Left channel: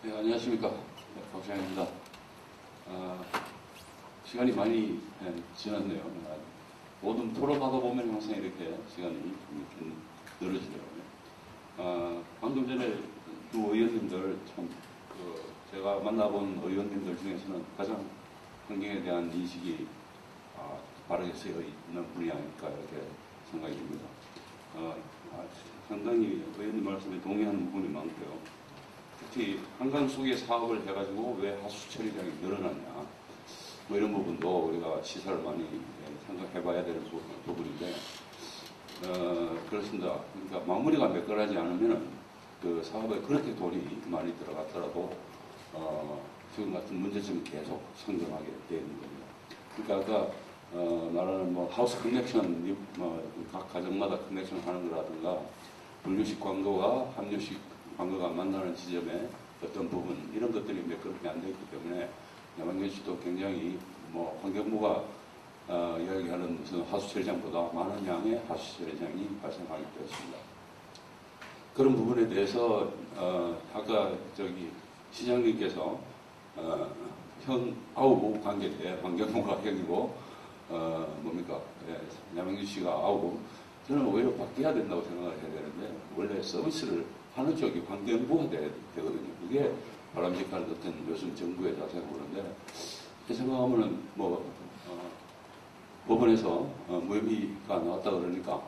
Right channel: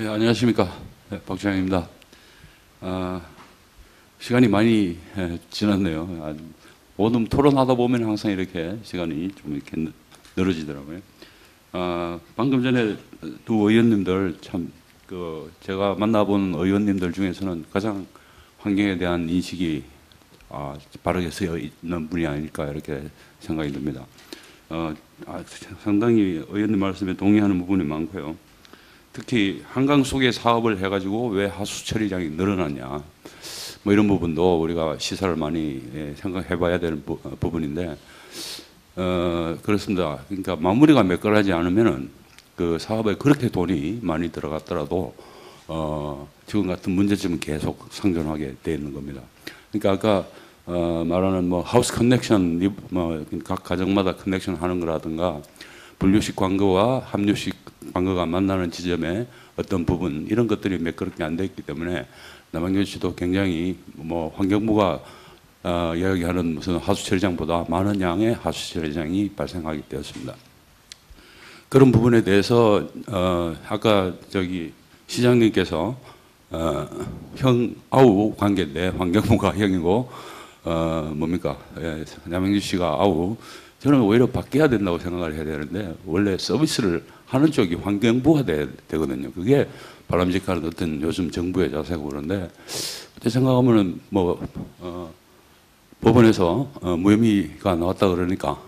네, 안녕하십니까. 네, 박 주장입니다. 시간이 많이 지났네요. 모든 토론하다 보면 항상 이렇게 시간이 좀 이렇게 늘어지더라고요. 방금 전에 두 의원님들 참, 제가 만나본 의원님들 중에서는 가장 환경에 대한 인식이 바르게 쓰여 있는 분이 아닐까 이렇게 생각이 듭니다. 상당히 의원님 말씀에 동의하는 부분이 많고요. 특히 한강 속에 사업을 해가지고 왜 하수 처리장이 늘어났냐, 뭐 이런 부분도 우리가 시사를 많이 생각해봐야 되는 부분인데, 그렇습니다. 그러니까 마무리가 매끄러지 않으면은 그 사업에 그렇게 돈이 많이 들어갔더라도 지금 같은 문제점은 계속 상존하게 돼 있는 겁니다. 그러니까 아까 말하는 뭐 하우스 커넥션, 뭐 각 가정마다 커넥션 하는 거라든가 분류식 광고와 함유식 광고가 만나는 지점에 어떤 부분 이런 것들이 매끄럽게 안 돼 있기 때문에 남양주 시도 굉장히 뭐 환경부가 이야기하는 무슨 하수 처리장보다 많은 양의 하수 처리장이 발생하게 되었습니다. 그런 부분에 대해서 아까 저기 시장님께서 형 아우 관계인데 환경부가 형이고 뭡니까 남양주시가 아우, 저는 오히려 바뀌어야 된다고 생각을 해야 되는데 원래 서비스를 하는 쪽이 환경부가 되거든요. 그게 바람직한 어떤 요즘 정부의 자세고 그런데 제 생각하면은 뭐 법원에서 무혐의가 나왔다 그러니까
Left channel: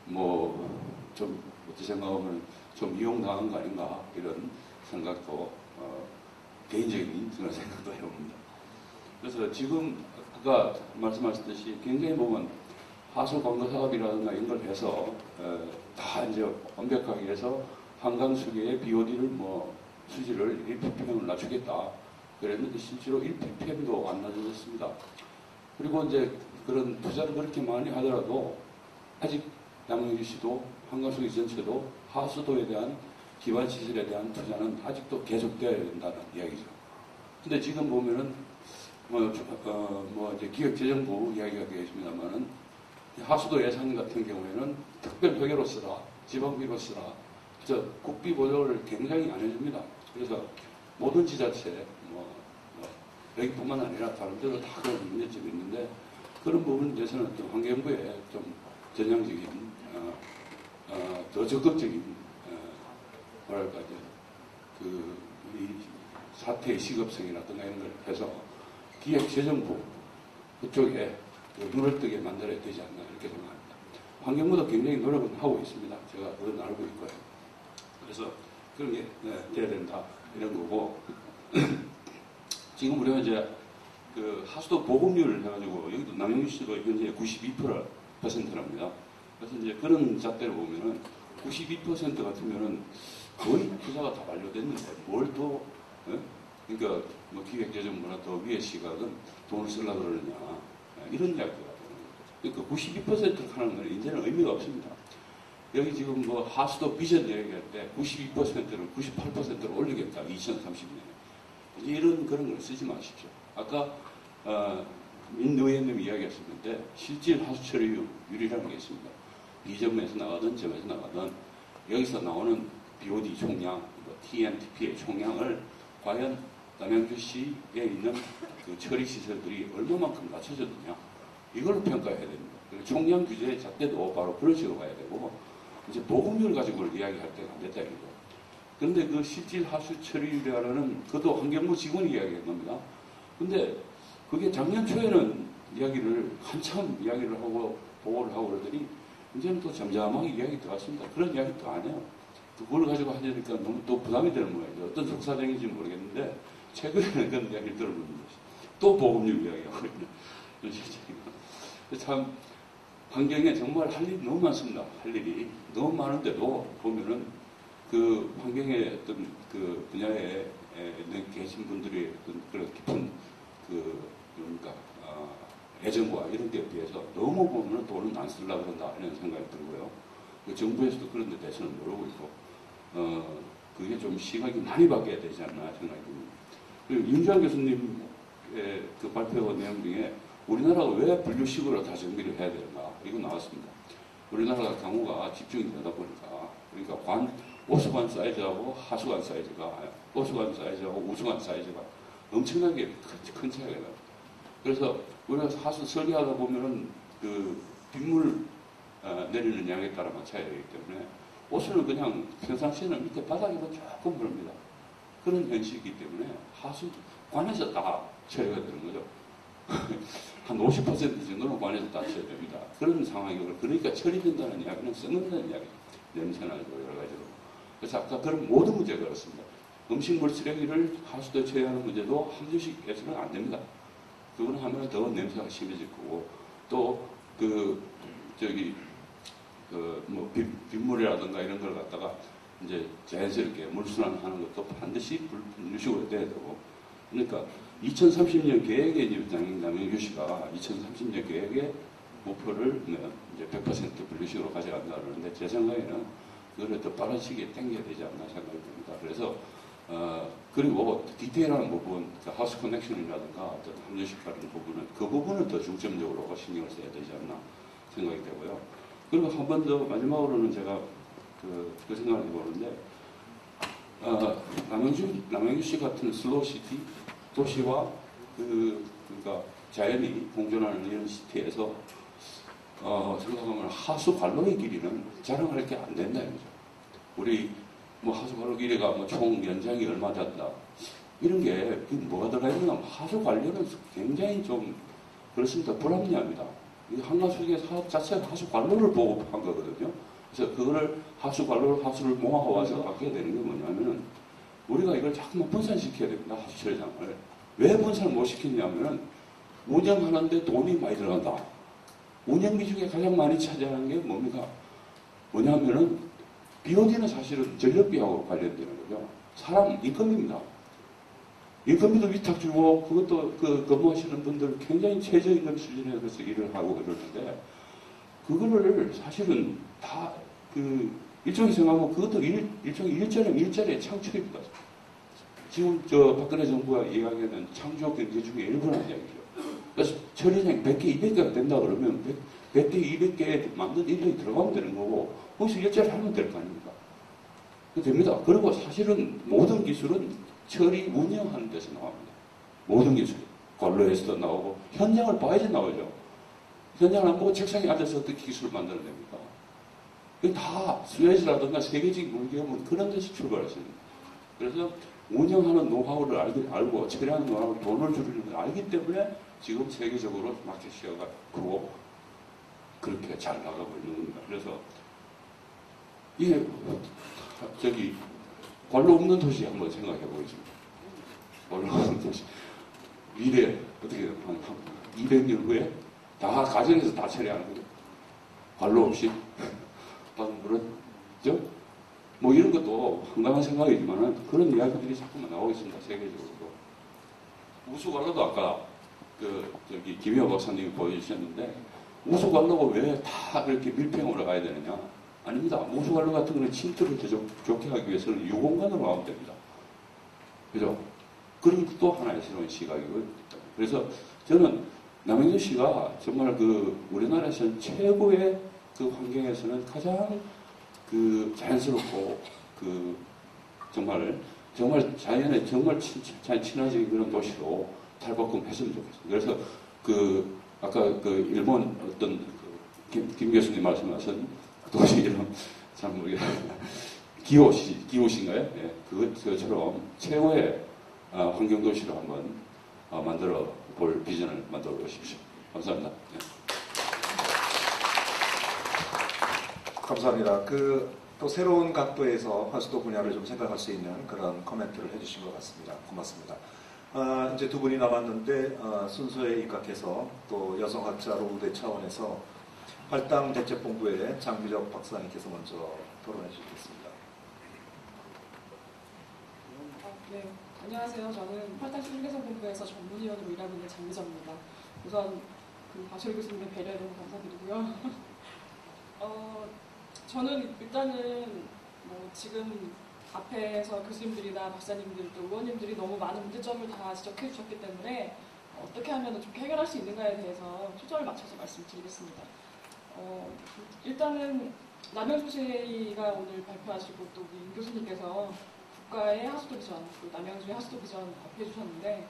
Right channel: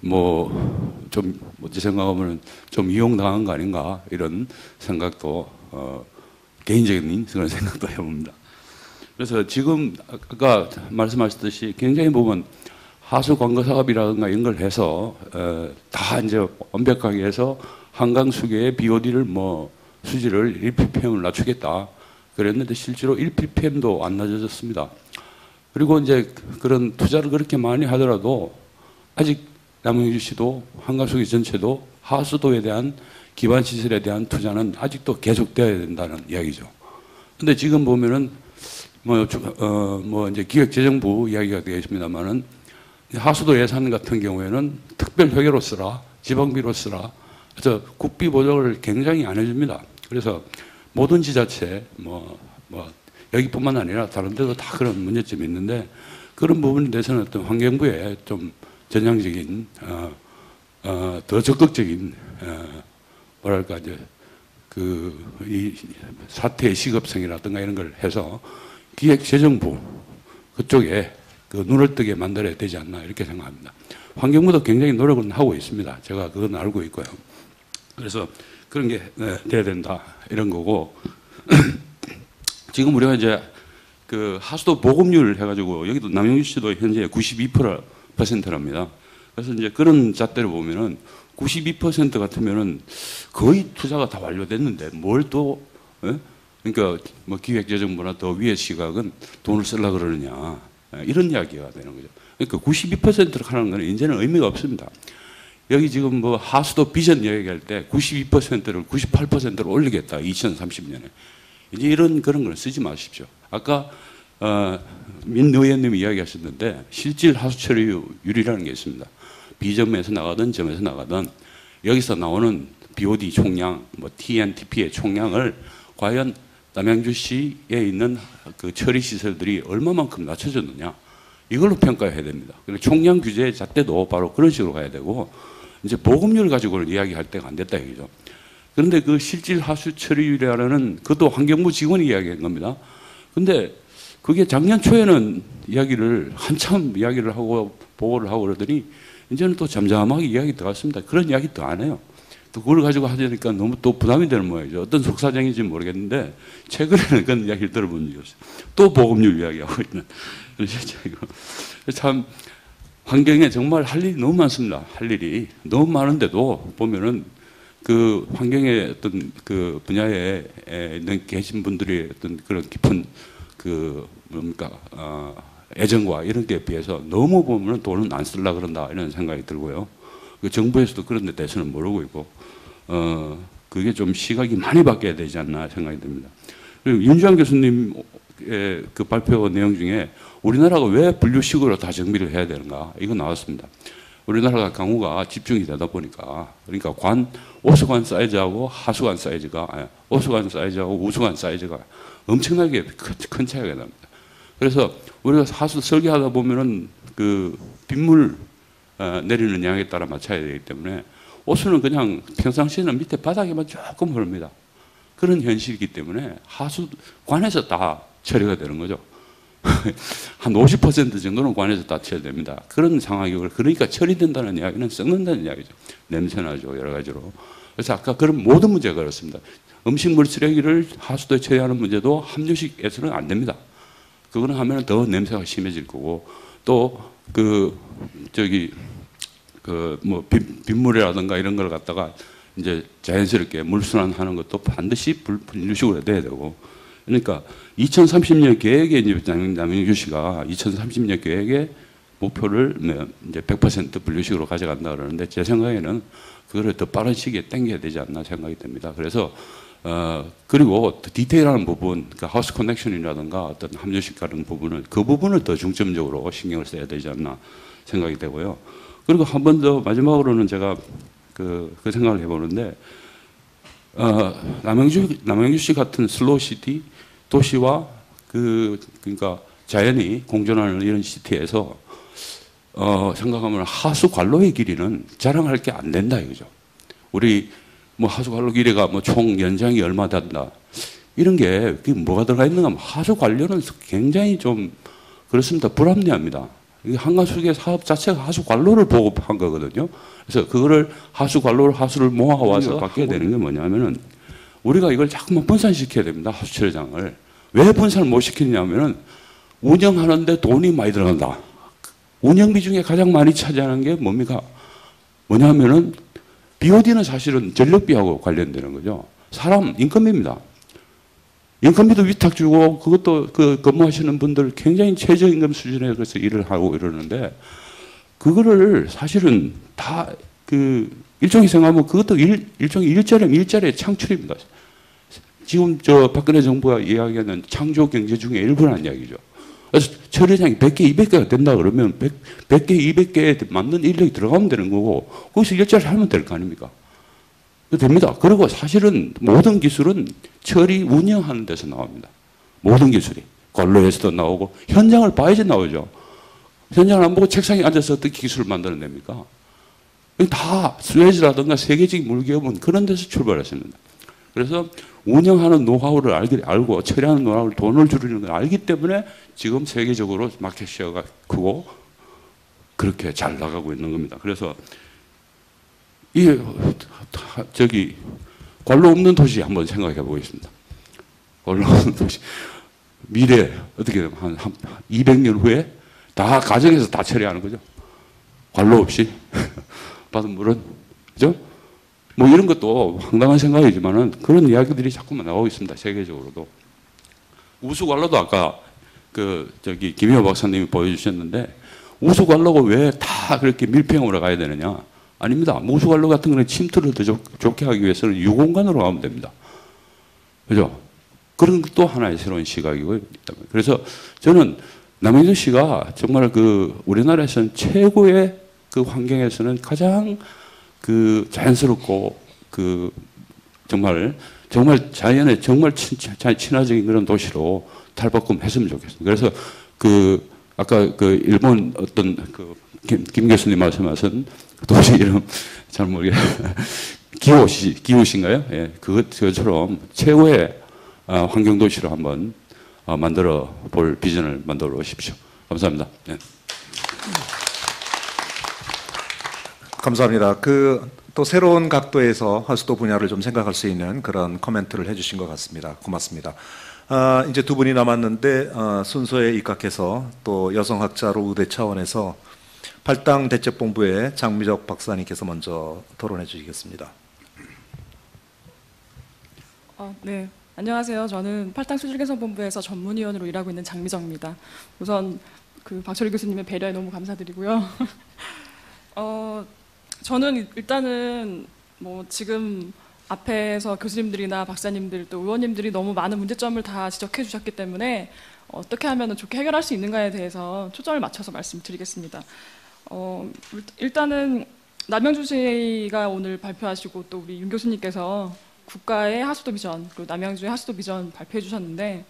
뭐 좀 제 생각하면은 좀 이용당한 거 아닌가 이런 생각도 개인적인 그런 생각도 해봅니다. 그래서 지금 아까 말씀하셨듯이 굉장히 보면 하수 광거 사업이라든가 이런 걸 해서 다 이제 완벽하게 해서 한강 수계의 BOD를 뭐 수지를 1ppm을 낮추겠다 그랬는데 실제로 1ppm도 안 낮아졌습니다. 그리고 이제 그런 투자를 그렇게 많이 하더라도 아직 남양주시도 한강 수계 전체도 하수도에 대한 기반 시설에 대한 투자는 아직도 계속돼야 된다는 이야기죠. 근데 지금 보면은 뭐 이제 기획재정부 이야기가 되겠습니다만은 하수도 예산 같은 경우에는 특별 회계로 쓰라, 지방비로 쓰라. 그래서 국비 보조를 굉장히 안 해줍니다. 그래서 모든 지자체, 여기뿐만 아니라 다른 데도 다 그런 문제점이 있는데 그런 부분에 대해서는 어떤 환경부의 좀 전향적인, 더 적극적인, 뭐랄까, 이제 이 사태의 시급성이라든가 이런 걸 해서 기획재정부 그쪽에 눈을 뜨게 만들어야 되지 않나 이렇게 생각합니다. 환경부도 굉장히 노력은 하고 있습니다. 제가 그건 알고 있고요. 그래서 그런 게 돼야 된다 이런 거고 지금 우리가 이제 그 하수도 보급률 해가지고 여기도 남양주시도 현재 92%랍니다. 그래서 이제 그런 잣대를 보면은 92% 같으면은 거의 투자가 다 완료됐는데 뭘 또 그러니까 뭐 기획재정부나 더 위의 시각은 돈을 쓰려고 그러느냐. 이런 이야기가 되는 거죠. 그러니까 92%를 하는 건 이제는 의미가 없습니다. 여기 지금 뭐 하수도 비전 이야기할 때 92%를 98%로 올리겠다. 2030년에. 이제 그런 걸 쓰지 마십시오. 아까 민 의원님이 이야기하셨는데 실질 하수 처리율이라는 게 있습니다. B점에서 나가든 점에서 나가든 여기서 나오는 BOD 총량, 뭐 TNTP의 총량을 과연 남양주시에 있는 그 처리 시설들이 얼마만큼 낮춰졌느냐 이걸로 평가해야 됩니다. 그리고 총량 규제 잣대도 바로 그런 식으로 가야 되고 이제 보급률 가지고는 이야기할 때가 안 됐다 이거죠. 그런데 그 실질 하수 처리율이라는 그것도 환경부 직원이 이야기한 겁니다. 근데 그게 작년 초에는 한참 이야기를 하고 보고를 하고 그러더니 이제는 또 잠잠하게 이야기 들어갔습니다. 그런 이야기 또 안 해요. 또 그걸 가지고 하자니까 너무 또 부담이 되는 모양이죠. 어떤 속사정인지 모르겠는데 최근에는 그런 이야기를 들어본 적이 없어요. 또 보급률 이야기하고 있는. 참 환경에 정말 할 일이 너무 많습니다. 할 일이 너무 많은데도 보면은 그 환경의 어떤 그 분야에 계신 분들이 어떤 그런 깊은 애정과 이런 게 비해서 너무 보면 돈은 안 쓰려고 그런다 이런 생각이 들고요. 그 정부에서도 그런 데 대해서는 모르고 있고 그게 좀 시각이 많이 바뀌어야 되지 않나 생각이 듭니다. 그리고 윤주환 교수님의 그 발표 내용 중에 우리나라가 왜 분류식으로 다 정비를 해야 되는가 이거 나왔습니다. 우리나라가 강우가 집중이 되다 보니까 그러니까 오수관 사이즈하고 하수관 사이즈가 오수관 사이즈하고 우수관 사이즈가 엄청나게 큰 차이가 납니다. 그래서 우리가 하수 설계하다 보면은 그 빗물 내리는 양에 따라 맞춰야 되기 때문에 오수는 그냥 평상시에는 밑에 바닥에만 조금 흐릅니다. 그런 현실이기 때문에 하수관에서 다 처리가 되는 거죠. 한 50% 정도는 관에서 다 처리됩니다. 그런 상황이고, 그러니까 처리된다는 이야기는 썩는다는 이야기죠. 냄새나죠, 여러 가지로. 그래서 아까 그런 모든 문제가 그렇습니다. 음식물 쓰레기를 하수도에 처리하는 문제도 함유식에서는 안 됩니다. 그거는 하면 더 냄새가 심해질 거고, 또 뭐 빗물이라든가 이런 걸 갖다가 이제 자연스럽게 물순환하는 것도 반드시 분류식으로 돼야 되고, 그러니까 2030년 계획에 이제 남영규 씨가 2030년 계획의 목표를 이제 100% 분류식으로 가져간다 그러는데, 제 생각에는 그거를 더 빠른 시기에 당겨야 되지 않나 생각이 됩니다. 그래서 그리고 디테일한 부분, 그러니까 하우스 커넥션이라든가 어떤 함유식 같은 부분은 그 부분을 더 중점적으로 신경을 써야 되지 않나 생각이 되고요. 그리고 한 번 더 마지막으로는 제가 그 생각을 해보는데, 남영규 씨 같은 슬로우 시티 도시와 그러니까 자연이 공존하는 이런 시티에서 생각하면 하수 관로의 길이는 자랑할 게 안 된다 이거죠. 우리 뭐 하수 관로 길이가 뭐 총 연장이 얼마 된다 이런 게 그게 뭐가 들어가 있는가 하면 하수 관료는 굉장히 좀 그렇습니다. 불합리합니다. 한가수의 사업 자체가 하수 관로를 보급한 거거든요. 그래서 그거를 하수 관로를 하수를 모아와서 바뀌어야 되는 게 뭐냐면은 우리가 이걸 자꾸만 분산시켜야 됩니다. 하수 처리장을. 왜 분산을 못 시키냐면은 운영하는데 돈이 많이 들어간다. 운영비 중에 가장 많이 차지하는 게 뭡니까? 뭐냐면은 BOD는 사실은 전력비하고 관련되는 거죠. 사람 인건비입니다. 인건비도 위탁 주고 그것도 그 근무하시는 분들 굉장히 최저임금 수준에서 일을 하고 이러는데, 그거를 사실은 다 그 일종의 생각하면 그것도 일종의 일자리의 창출입니다. 지금 저 박근혜 정부가 이야기하는 창조 경제 중에 일부라는 이야기죠. 그래서 처리장이 100개, 200개가 된다 그러면 100개, 200개에 맞는 인력이 들어가면 되는 거고, 거기서 일자리 하면 될 거 아닙니까? 됩니다. 그리고 사실은 모든 기술은 처리 운영하는 데서 나옵니다. 모든 기술이. 관로에서도 나오고, 현장을 봐야지 나오죠. 현장을 안 보고 책상에 앉아서 어떻게 기술을 만들어냅니까? 다 스웨즈라든가 세계적인 물기업은 그런 데서 출발했습니다. 그래서 운영하는 노하우를 알고 처리하는 노하우를 돈을 줄이는 걸 알기 때문에 지금 세계적으로 마켓 시어가 크고 그렇게 잘 나가고 있는 겁니다. 그래서 이 관로 없는 도시 한번 생각해 보겠습니다. 관로 없는 도시. 미래 어떻게 한 200년 후에 다 가정에서 다 처리하는 거죠. 관로 없이 받은 물은, 그죠? 뭐 이런 것도 황당한 생각이지만은 그런 이야기들이 자꾸만 나오고 있습니다. 세계적으로도. 우수관로도 아까 김희호 박사님이 보여주셨는데, 우수관로가 왜 다 그렇게 밀폐형으로 가야 되느냐? 아닙니다. 우수관로 같은 거는 침투를 더 좋게 하기 위해서는 유공간으로 가면 됩니다. 그죠? 그런 것도 하나의 새로운 시각이고요. 그래서 저는 남영규 씨가 정말 우리나라에서는 최고의 그 환경에서는 가장 자연스럽고 정말 자연에 정말 친화적인 그런 도시로 탈바꿈했으면 좋겠습니다. 그래서 아까 일본 어떤 김 교수님 말씀하신 도시 이름 잘 모르겠어요. 기호시인가요? 예, 그것처럼 최고의 환경 도시로 한번 만들어 볼 비전을 만들어 오십시오. 감사합니다. 네. 감사합니다. 또 새로운 각도에서 하수도 분야를 좀 생각할 수 있는 그런 코멘트를 해주신 것 같습니다. 고맙습니다. 이제 두 분이 남았는데 순서에 입각해서 또 여성학자로 의대 차원에서 팔당 대책본부의 장미적 박사님께서 먼저 토론해 주시겠습니다. 네, 안녕하세요. 저는 팔당 수질개선본부에서 전문위원으로 일하고 있는 장미정입니다. 우선 박철희 교수님의 배려에 너무 감사드리고요. 저는 일단은 뭐 지금 앞에서 교수님들이나 박사님들 또 의원님들이 너무 많은 문제점을 다 지적해 주셨기 때문에 어떻게 하면 좋게 해결할 수 있는가에 대해서 초점을 맞춰서 말씀드리겠습니다. 일단은 남양주시가 오늘 발표하시고 또 우리 윤 교수님께서 국가의 하수도 비전 그리고 남양주의 하수도 비전 발표해 주셨는데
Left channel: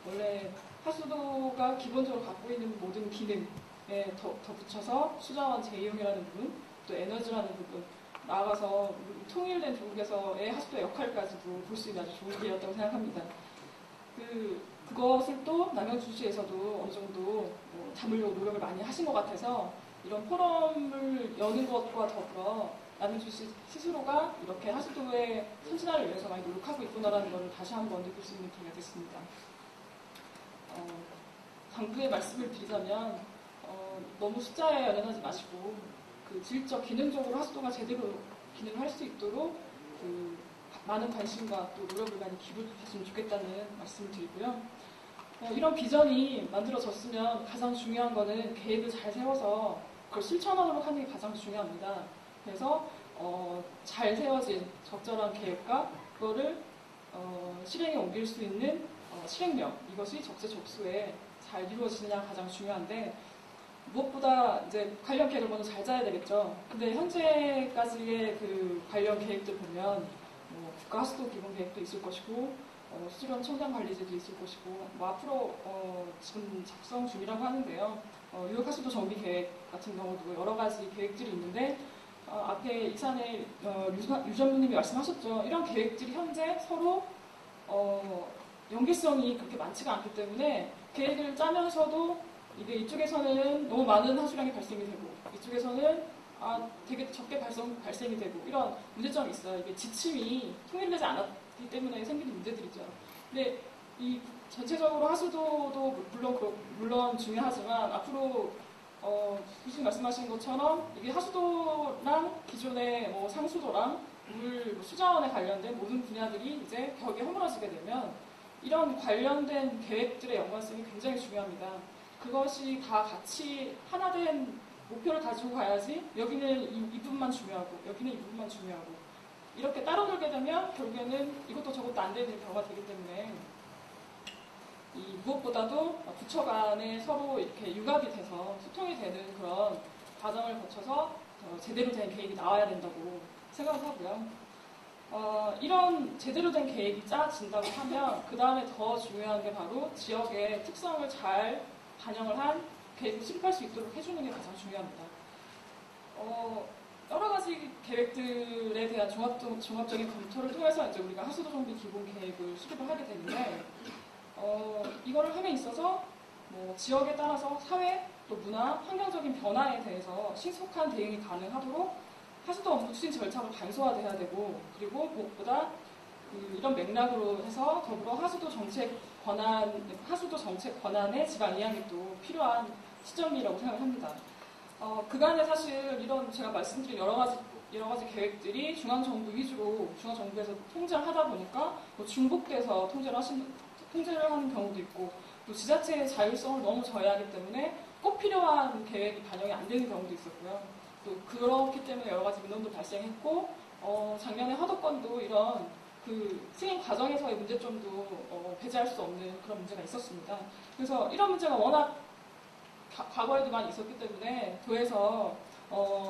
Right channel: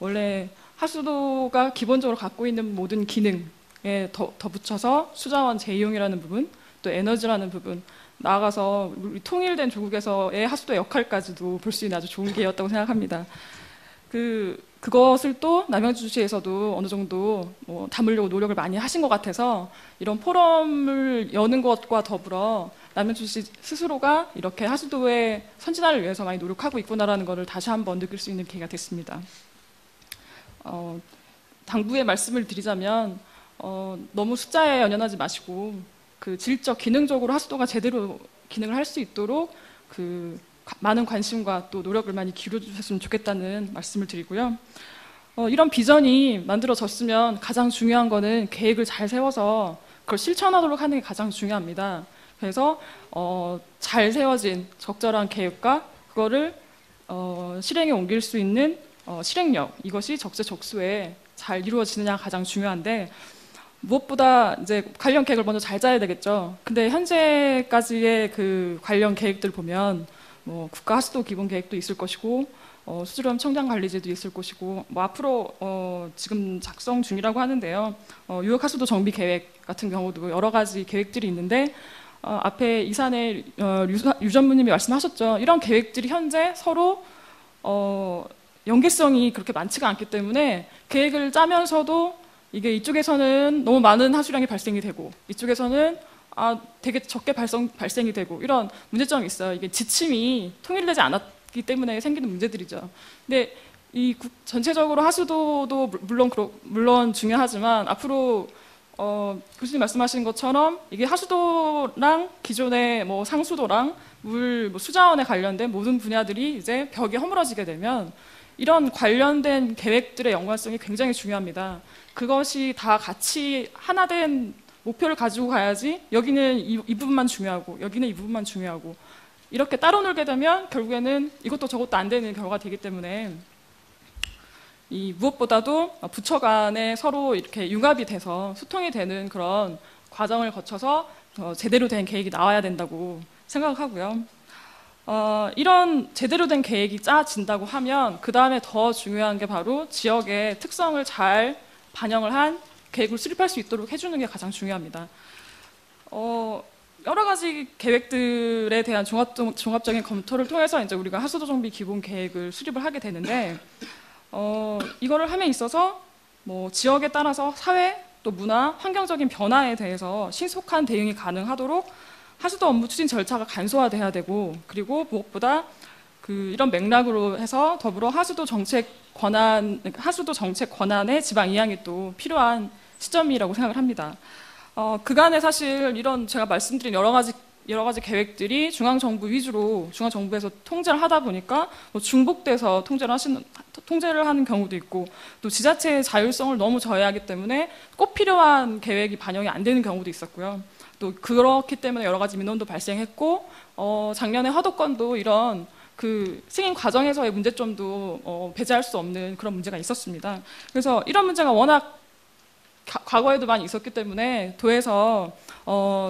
원래 하수도가 기본적으로 갖고 있는 모든 기능에 덧붙여서 수자원 재이용이라는 부분 또 에너지라는 부분 나아가서 우리 통일된 조국에서의 하수도의 역할까지도 볼 수 있는 아주 좋은 기회였다고 생각합니다. 그것을 또 남양주시에서도 어느 정도 담으려고 노력을 많이 하신 것 같아서 이런 포럼을 여는 것과 더불어 남양주시 스스로가 이렇게 하수도의 선진화를 위해서 많이 노력하고 있구나라는 것을 다시 한번 느낄 수 있는 기회가 됐습니다. 당부의 말씀을 드리자면 너무 숫자에 연연하지 마시고 그 질적, 기능적으로 하수도가 제대로 기능을 할 수 있도록 많은 관심과 또 노력을 많이 기울여주셨으면 좋겠다는 말씀을 드리고요. 이런 비전이 만들어졌으면 가장 중요한 거는 계획을 잘 세워서 그걸 실천하도록 하는 게 가장 중요합니다. 그래서 잘 세워진 적절한 계획과 그거를 실행에 옮길 수 있는 실행력 이것이 적재적소에 잘 이루어지느냐가 가장 중요한데 무엇보다 이제 관련 계획을 먼저 잘 짜야 되겠죠. 근데 현재까지의 그 관련 계획들 보면 국가 하수도 기본 계획도 있을 것이고 수질오염 청정 관리제도 있을 것이고 앞으로 지금 작성 중이라고 하는데요. 유역 하수도 정비 계획 같은 경우도 여러 가지 계획들이 있는데 앞에 이산의 유 전무님이 말씀하셨죠. 이런 계획들이 현재 서로 연계성이 그렇게 많지가 않기 때문에 계획을 짜면서도 이게 이쪽에서는 너무 많은 하수량이 발생이 되고 이쪽에서는 되게 적게 발생이 되고 이런 문제점이 있어요. 이게 지침이 통일되지 않았기 때문에 생기는 문제들이죠. 근데 전체적으로 하수도도 물론 중요하지만 앞으로 교수님 말씀하신 것처럼 이게 하수도랑 기존의 상수도랑 수자원에 관련된 모든 분야들이 이제 벽이 허물어지게 되면 이런 관련된 계획들의 연관성이 굉장히 중요합니다. 그것이 다 같이 하나된 목표를 가지고 가야지 여기는 이 부분만 중요하고 여기는 이 부분만 중요하고 이렇게 따로 놀게 되면 결국에는 이것도 저것도 안 되는 결과가 되기 때문에 무엇보다도 부처 간에 서로 이렇게 융합이 돼서 소통이 되는 그런 과정을 거쳐서 제대로 된 계획이 나와야 된다고 생각하고요. 이런 제대로 된 계획이 짜진다고 하면 그 다음에 더 중요한 게 바로 지역의 특성을 잘 반영을 한 계획을 수립할 수 있도록 해주는 게 가장 중요합니다. 여러 가지 계획들에 대한 종합적인 검토를 통해서 이제 우리가 하수도 정비 기본 계획을 수립을 하게 되는데 이거를 함에 있어서 지역에 따라서 사회 또 문화, 환경적인 변화에 대해서 신속한 대응이 가능하도록 하수도 업무 추진 절차가 간소화돼야 되고 그리고 무엇보다 이런 맥락으로 해서 더불어 하수도 정책 권한의 지방 이양이 또 필요한 시점이라고 생각을 합니다. 그간에 사실 이런 제가 말씀드린 여러 가지 계획들이 중앙정부 위주로 중앙정부에서 통제를 하다 보니까 중복돼서 통제를 하는 경우도 있고 또 지자체의 자율성을 너무 저해하기 때문에 꼭 필요한 계획이 반영이 안 되는 경우도 있었고요. 또 그렇기 때문에 여러 가지 민원도 발생했고 작년에 하도권도 이런 승인 과정에서의 문제점도 배제할 수 없는 그런 문제가 있었습니다. 그래서 이런 문제가 워낙 과거에도 많이 있었기 때문에 도에서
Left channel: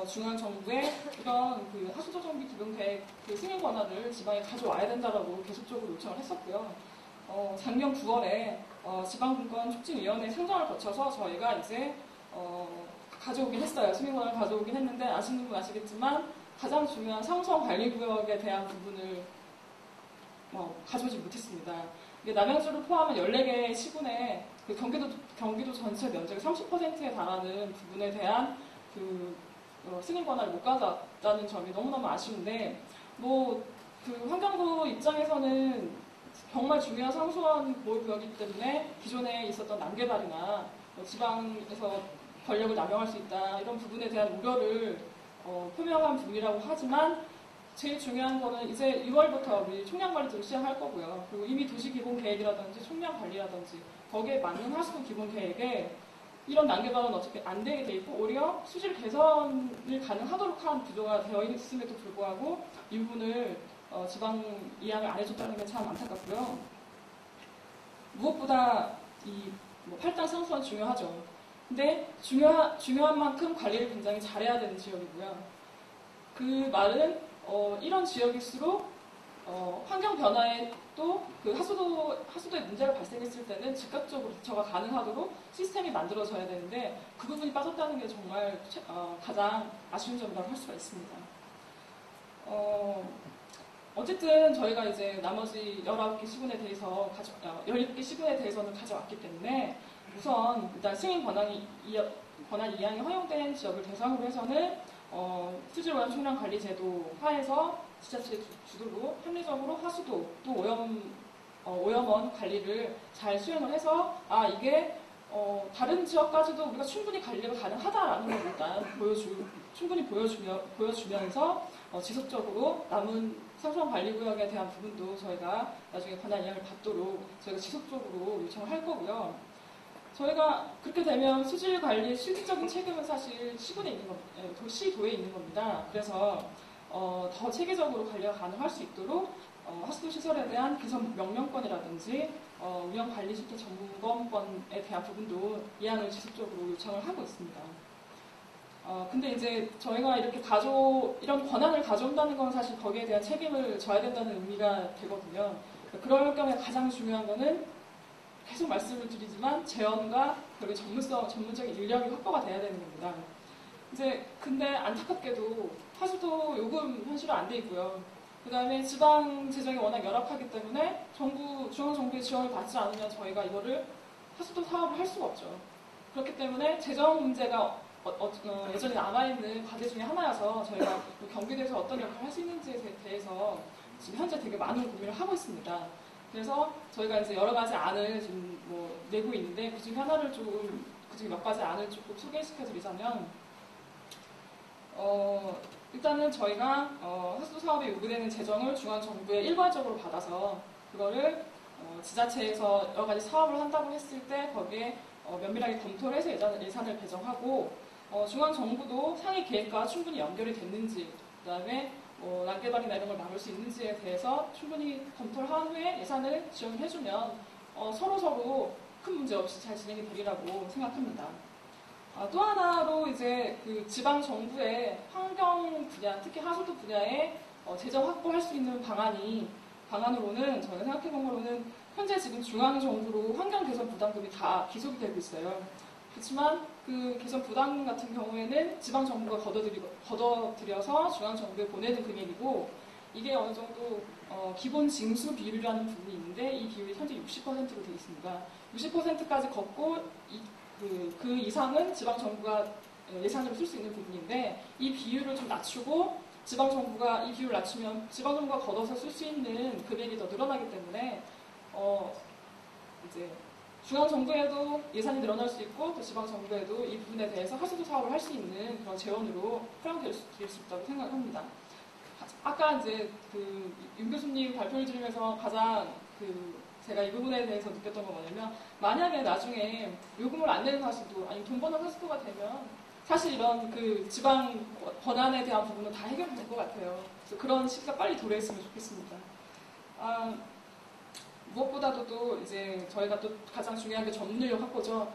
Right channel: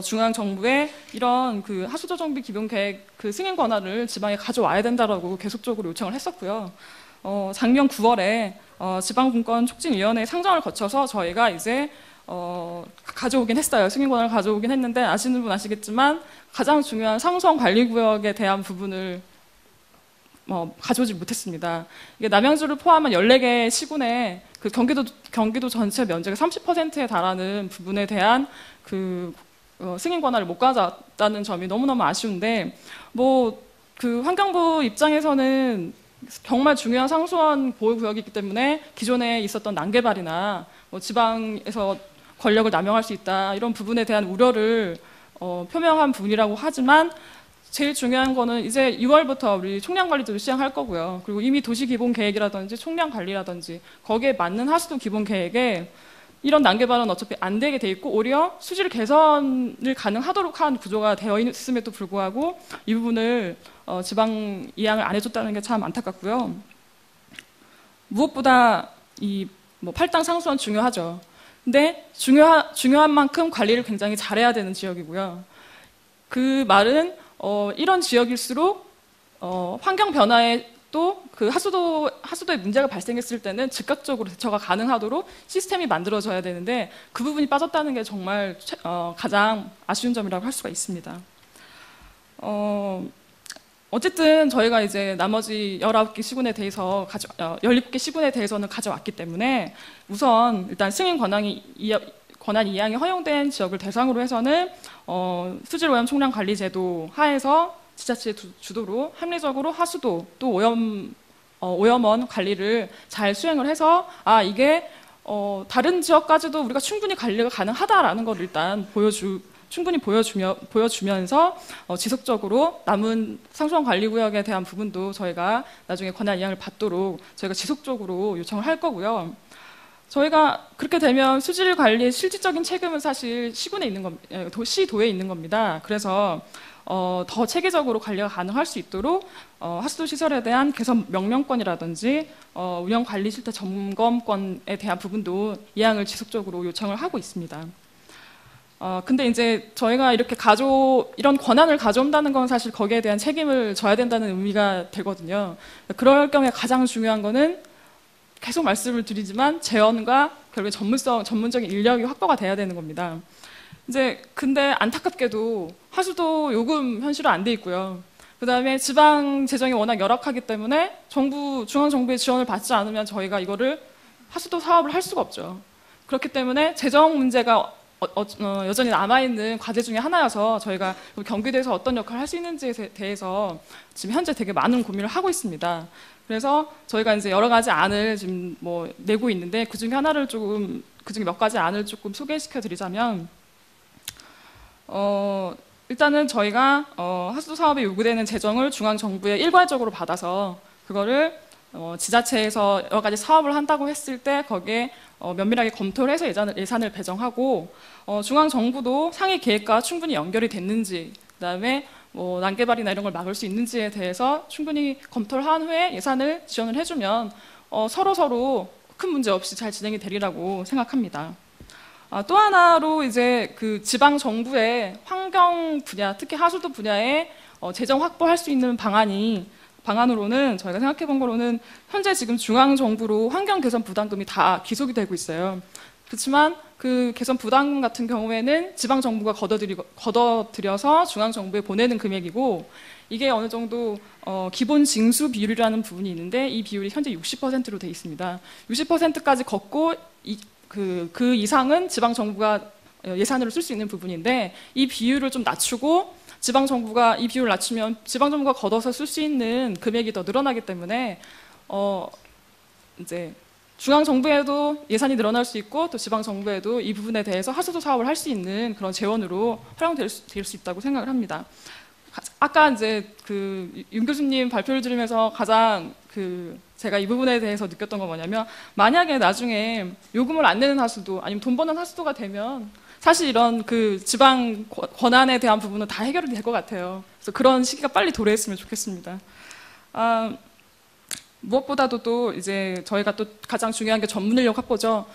중앙정부에 이런 하수도 정비 기본 계획 승인 권한을 지방에 가져와야 된다라고 계속적으로 요청을 했었고요. 작년 9월에 지방분권 촉진위원회 상정을 거쳐서 저희가 이제 가져오긴 했어요. 승인 권한을 가져오긴 했는데 아시는 분 아시겠지만 가장 중요한 상수원 관리구역에 대한 부분을 가져오지 못했습니다. 이게 남양주를 포함한 14개 시군에 경기도 전체 면적의 30%에 달하는 부분에 대한 승인 권한을 못 가져왔다는 점이 너무너무 아쉬운데 환경부 입장에서는 정말 중요한 상수원 보호구역이기 때문에 기존에 있었던 난개발이나 지방에서 권력을 남용할 수 있다 이런 부분에 대한 우려를 표명한 부분이라고 하지만 제일 중요한 거는 이제 6월부터 우리 총량관리도 시작할 거고요. 그리고 이미 도시기본계획이라든지 총량관리라든지 거기에 맞는 하수도 기본계획에 이런 난개발은 어차피 안 되게 돼 있고 오히려 수질 개선을 가능하도록 한 구조가 되어 있음에도 불구하고 이 부분을 지방 이양을 안 해줬다는 게 참 안타깝고요. 무엇보다 8당 상수원 중요하죠. 근데 중요한 만큼 관리를 굉장히 잘해야 되는 지역이고요. 그 말은 이런 지역일수록 환경 변화에 또 그 하수도에 문제가 발생했을 때는 즉각적으로 대처가 가능하도록 시스템이 만들어져야 되는데 그 부분이 빠졌다는 게 정말 가장 아쉬운 점이라고 할 수가 있습니다. 어쨌든 저희가 이제 나머지 19개 시군에 대해서 17개 시군에 대해서는 가져왔기 때문에 우선 일단 승인 권한 이양이 허용된 지역을 대상으로 해서는 수질 오염 총량 관리 제도 하에서 지자체 주도로 합리적으로 하수도 또 오염원 관리를 잘 수행을 해서 이게 다른 지역까지도 우리가 충분히 관리가 가능하다라는 걸 일단 충분히 보여주면서 지속적으로 남은 상수원 관리구역에 대한 부분도 저희가 나중에 권한 이양을 받도록 저희가 지속적으로 요청을 할 거고요. 저희가 그렇게 되면 수질 관리의 실질적인 책임은 사실 시군에 있는 시도에 있는 겁니다. 그래서 더 체계적으로 관리가 가능할 수 있도록 하수도 시설에 대한 개선 명령권이라든지 운영 관리 실태 점검권에 대한 부분도 이양을 지속적으로 요청을 하고 있습니다. 근데 이제 저희가 이렇게 이런 권한을 가져온다는 건 사실 거기에 대한 책임을 져야 된다는 의미가 되거든요. 그럴 경우에 가장 중요한 거는 계속 말씀을 드리지만 재원과 결국에 전문적인 인력이 확보가 돼야 되는 겁니다. 이제 근데 안타깝게도 하수도 요금 현실화 안 돼 있고요. 그다음에 지방 재정이 워낙 열악하기 때문에 중앙 정부의 지원을 받지 않으면 저희가 이거를 하수도 사업을 할 수가 없죠. 그렇기 때문에 재정 문제가 여전히 남아있는 과제 중에 하나여서 저희가 경기도에서 어떤 역할을 할 수 있는지에 대해서 지금 현재 되게 많은 고민을 하고 있습니다. 그래서 저희가 이제 여러 가지 안을 지금 내고 있는데 그 중에 몇 가지 안을 조금 소개시켜 드리자면 일단은 저희가 하수도 사업에 요구되는 재정을 중앙 정부에 일괄적으로 받아서 그거를 지자체에서 여러 가지 사업을 한다고 했을 때 거기에 면밀하게 검토를 해서 예산을 배정하고 중앙 정부도 상위 계획과 충분히 연결이 됐는지 그다음에 난개발이나 이런 걸 막을 수 있는지에 대해서 충분히 검토를 한 후에 예산을 지원을 해주면 서로 큰 문제 없이 잘 진행이 되리라고 생각합니다. 또 하나로 이제 그 지방 정부의 환경 분야, 특히 하수도 분야에 재정 확보할 수 있는 방안으로는 저희가 생각해 본 거로는 현재 지금 중앙 정부로 환경 개선 부담금이 다 기속이 되고 있어요. 그렇지만 그 개선 부담금 같은 경우에는 지방 정부가 걷어들여서 중앙 정부에 보내는 금액이고 이게 어느 정도 기본 징수 비율이라는 부분이 있는데 이 비율이 현재 60%로 돼 있습니다. 60%까지 걷고 그 이상은 지방 정부가 예산으로 쓸 수 있는 부분인데 이 비율을 좀 낮추고 지방 정부가 이 비율을 낮추면 지방 정부가 걷어서 쓸 수 있는 금액이 더 늘어나기 때문에 이제 중앙 정부에도 예산이 늘어날 수 있고 또 지방 정부에도 이 부분에 대해서 하수도 사업을 할 수 있는 그런 재원으로 활용될 수 있다고 생각을 합니다. 아까 이제 윤 교수님 발표를 들으면서 가장 제가 이 부분에 대해서 느꼈던 건 뭐냐면 만약에 나중에 요금을 안 내는 하수도 아니면 돈 버는 하수도가 되면 사실 이런 지방 권한에 대한 부분은 다 해결이 될 것 같아요. 그래서 그런 시기가 빨리 도래했으면 좋겠습니다. 무엇보다도 또 이제 저희가 또 가장 중요한 게 전문 인력 확보죠.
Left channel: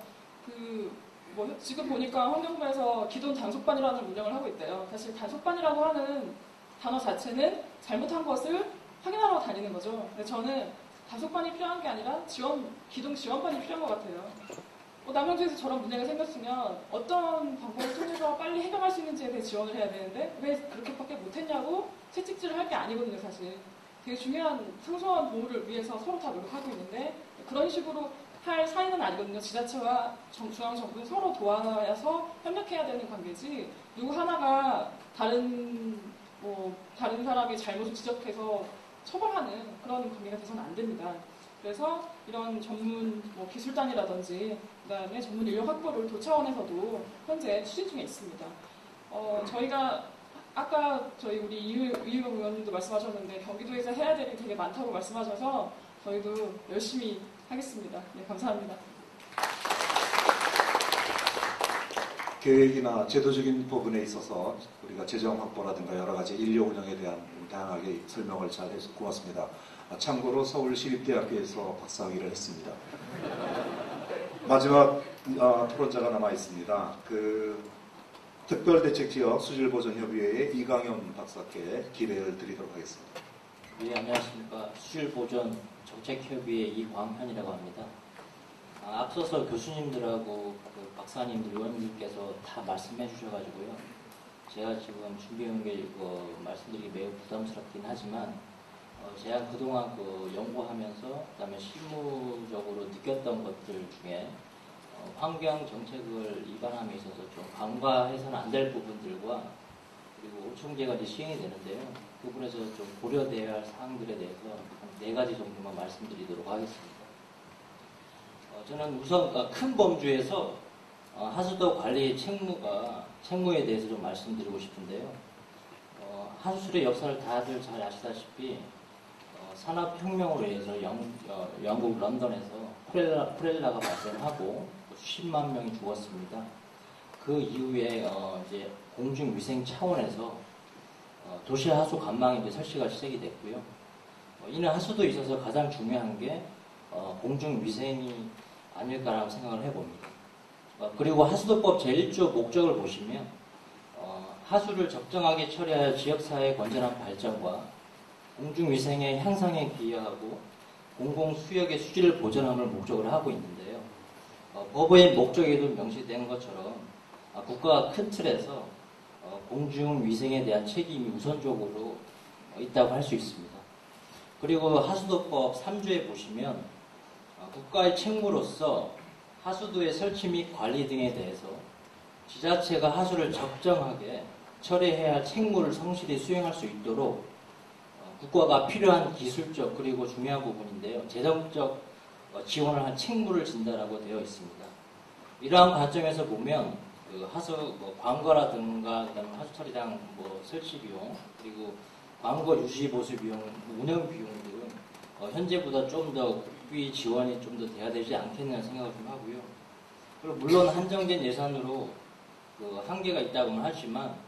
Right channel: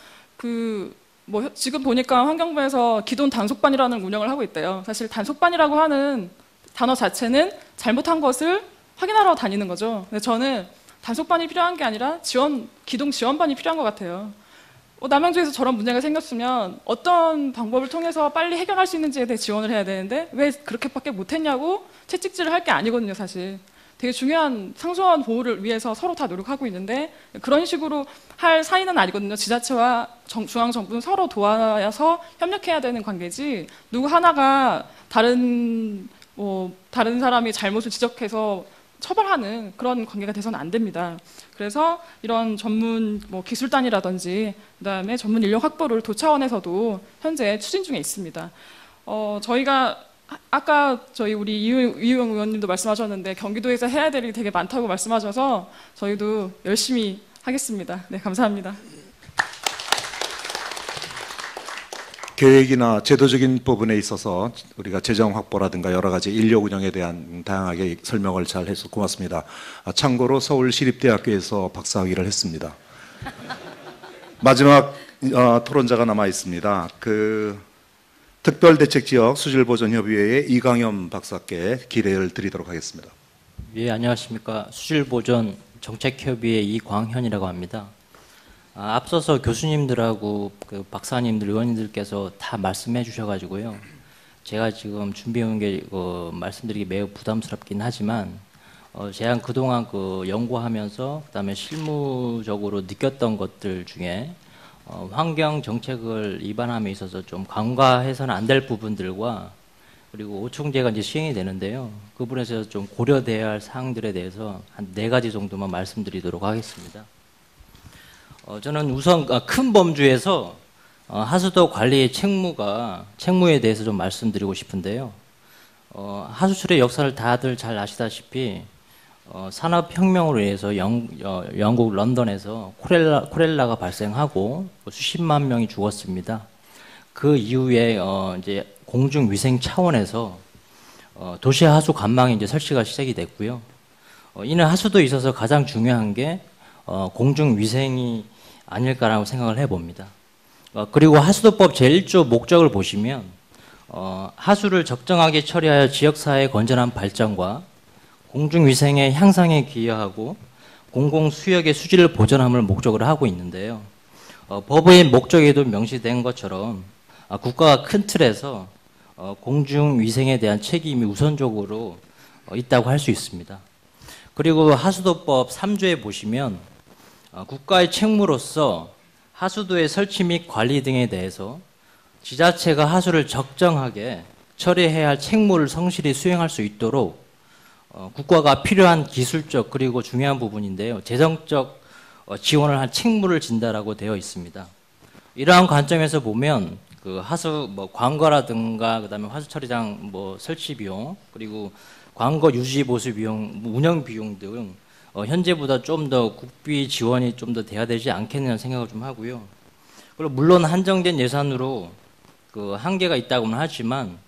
지금 보니까 환경부에서 기존 단속반이라는 운영을 하고 있대요. 사실 단속반이라고 하는 단어 자체는 잘못한 것을 확인하러 다니는 거죠. 근데 저는 단속반이 필요한 게 아니라 기동 지원반이 필요한 것 같아요. 남양주에서 저런 문제가 생겼으면 어떤 방법을 통해서 빨리 해결할 수 있는지에 대해 지원을 해야 되는데 왜 그렇게밖에 못했냐고 채찍질을 할 게 아니거든요, 사실. 되게 중요한 상수원 보호를 위해서 서로 다 노력하고 있는데 그런 식으로 할 사이는 아니거든요. 지자체와 중앙 정부는 서로 도와서 협력해야 되는 관계지 누구 하나가 다른 사람이 잘못을 지적해서 처벌하는 그런 관계가 돼서는 안 됩니다. 그래서 이런 전문 기술단이라든지 그다음에 전문 인력 확보를 도 차원에서도 현재 추진 중에 있습니다. 저희가 아까 우리 이유영 의원님도 말씀하셨는데 경기도에서 해야 될 일이 되게 많다고 말씀하셔서 저희도 열심히 하겠습니다. 네, 감사합니다. 계획이나 제도적인 부분에 있어서 우리가 재정 확보라든가 여러 가지 인력 운영에 대한 다양하게 설명을 잘 해서 고맙습니다. 참고로 서울시립대학교에서 박사학위를 했습니다. 마지막 토론자가 남아 있습니다. 특별대책지역 수질보전협의회의 이강현 박사께 기례를 드리도록 하겠습니다. 예, 안녕하십니까. 수질보전 정책협의회 이광현이라고 합니다. 앞서서 교수님들하고 그 박사님들, 의원님들께서 다 말씀해 주셔가지고요. 제가 지금 준비해온 게 말씀드리기 매우 부담스럽긴 하지만 제가 그동안 연구하면서 그다음에 실무적으로 느꼈던 것들 중에 환경 정책을 입안함에 있어서 좀 간과해서는 안 될 부분들과 그리고 오총제가 이제 시행이 되는데요. 그 부분에서 좀 고려돼야 할 사항들에 대해서 한 4가지 정도만 말씀드리도록 하겠습니다. 저는 우선 큰 범주에서 하수도 관리의 책무에 대해서 좀 말씀드리고 싶은데요. 하수처리의 역사를 다들 잘 아시다시피 산업혁명으로 인해서 영국 런던에서 콜레라가 발생하고 수십만 명이 죽었습니다. 그 이후에 이제 공중위생 차원에서 도시 하수 관망이 이제 설치가 시작이 됐고요. 이는 하수도에 있어서 가장 중요한 게 공중위생이 아닐까라고 생각을 해봅니다. 그리고 하수도법 제1조 목적을 보시면 하수를 적정하게 처리하여 지역사회의 건전한 발전과 공중위생의 향상에 기여하고 공공수역의 수질을 보존함을 목적으로 하고 있는데요. 법의 목적에도 명시된 것처럼 국가가 큰 틀에서 공중위생에 대한 책임이 우선적으로 있다고 할 수 있습니다. 그리고 하수도법 3조에 보시면 국가의 책무로서 하수도의 설치 및 관리 등에 대해서 지자체가 하수를 적정하게 처리해야 할 책무를 성실히 수행할 수 있도록 국가가 필요한 기술적 그리고 중요한 부분인데요. 재정적 지원을 한 책무를 진다라고 되어 있습니다. 이러한 관점에서 보면 하수 관거라든가 그다음에 하수 처리장 설치 비용 그리고 관거 유지 보수 비용, 운영 비용 등 현재보다 좀 더 국비 지원이 좀 더 돼야 되지 않겠느냐 생각을 좀 하고요. 그리고 물론 한정된 예산으로 한계가 있다고는 하지만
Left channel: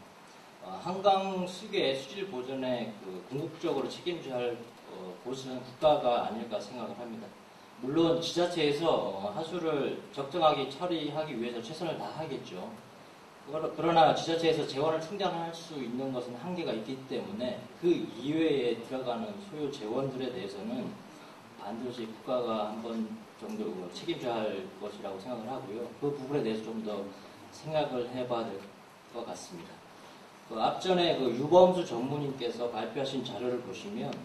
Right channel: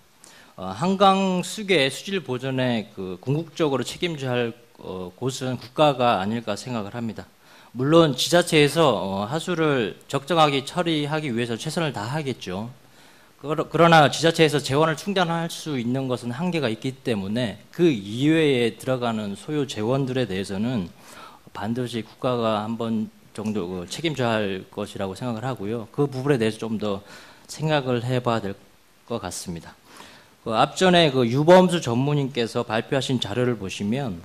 한강 수계 수질 보존에 궁극적으로 책임져야 할 곳은 국가가 아닐까 생각을 합니다. 물론 지자체에서 하수를 적정하게 처리하기 위해서 최선을 다하겠죠. 그러나 지자체에서 재원을 충당할 수 있는 것은 한계가 있기 때문에 그 이외에 들어가는 소요 재원들에 대해서는 반드시 국가가 한 번 정도 책임져야 할 것이라고 생각을 하고요. 그 부분에 대해서 좀 더 생각을 해봐야 될 것 같습니다. 앞전에 유범수 전무님께서 발표하신 자료를 보시면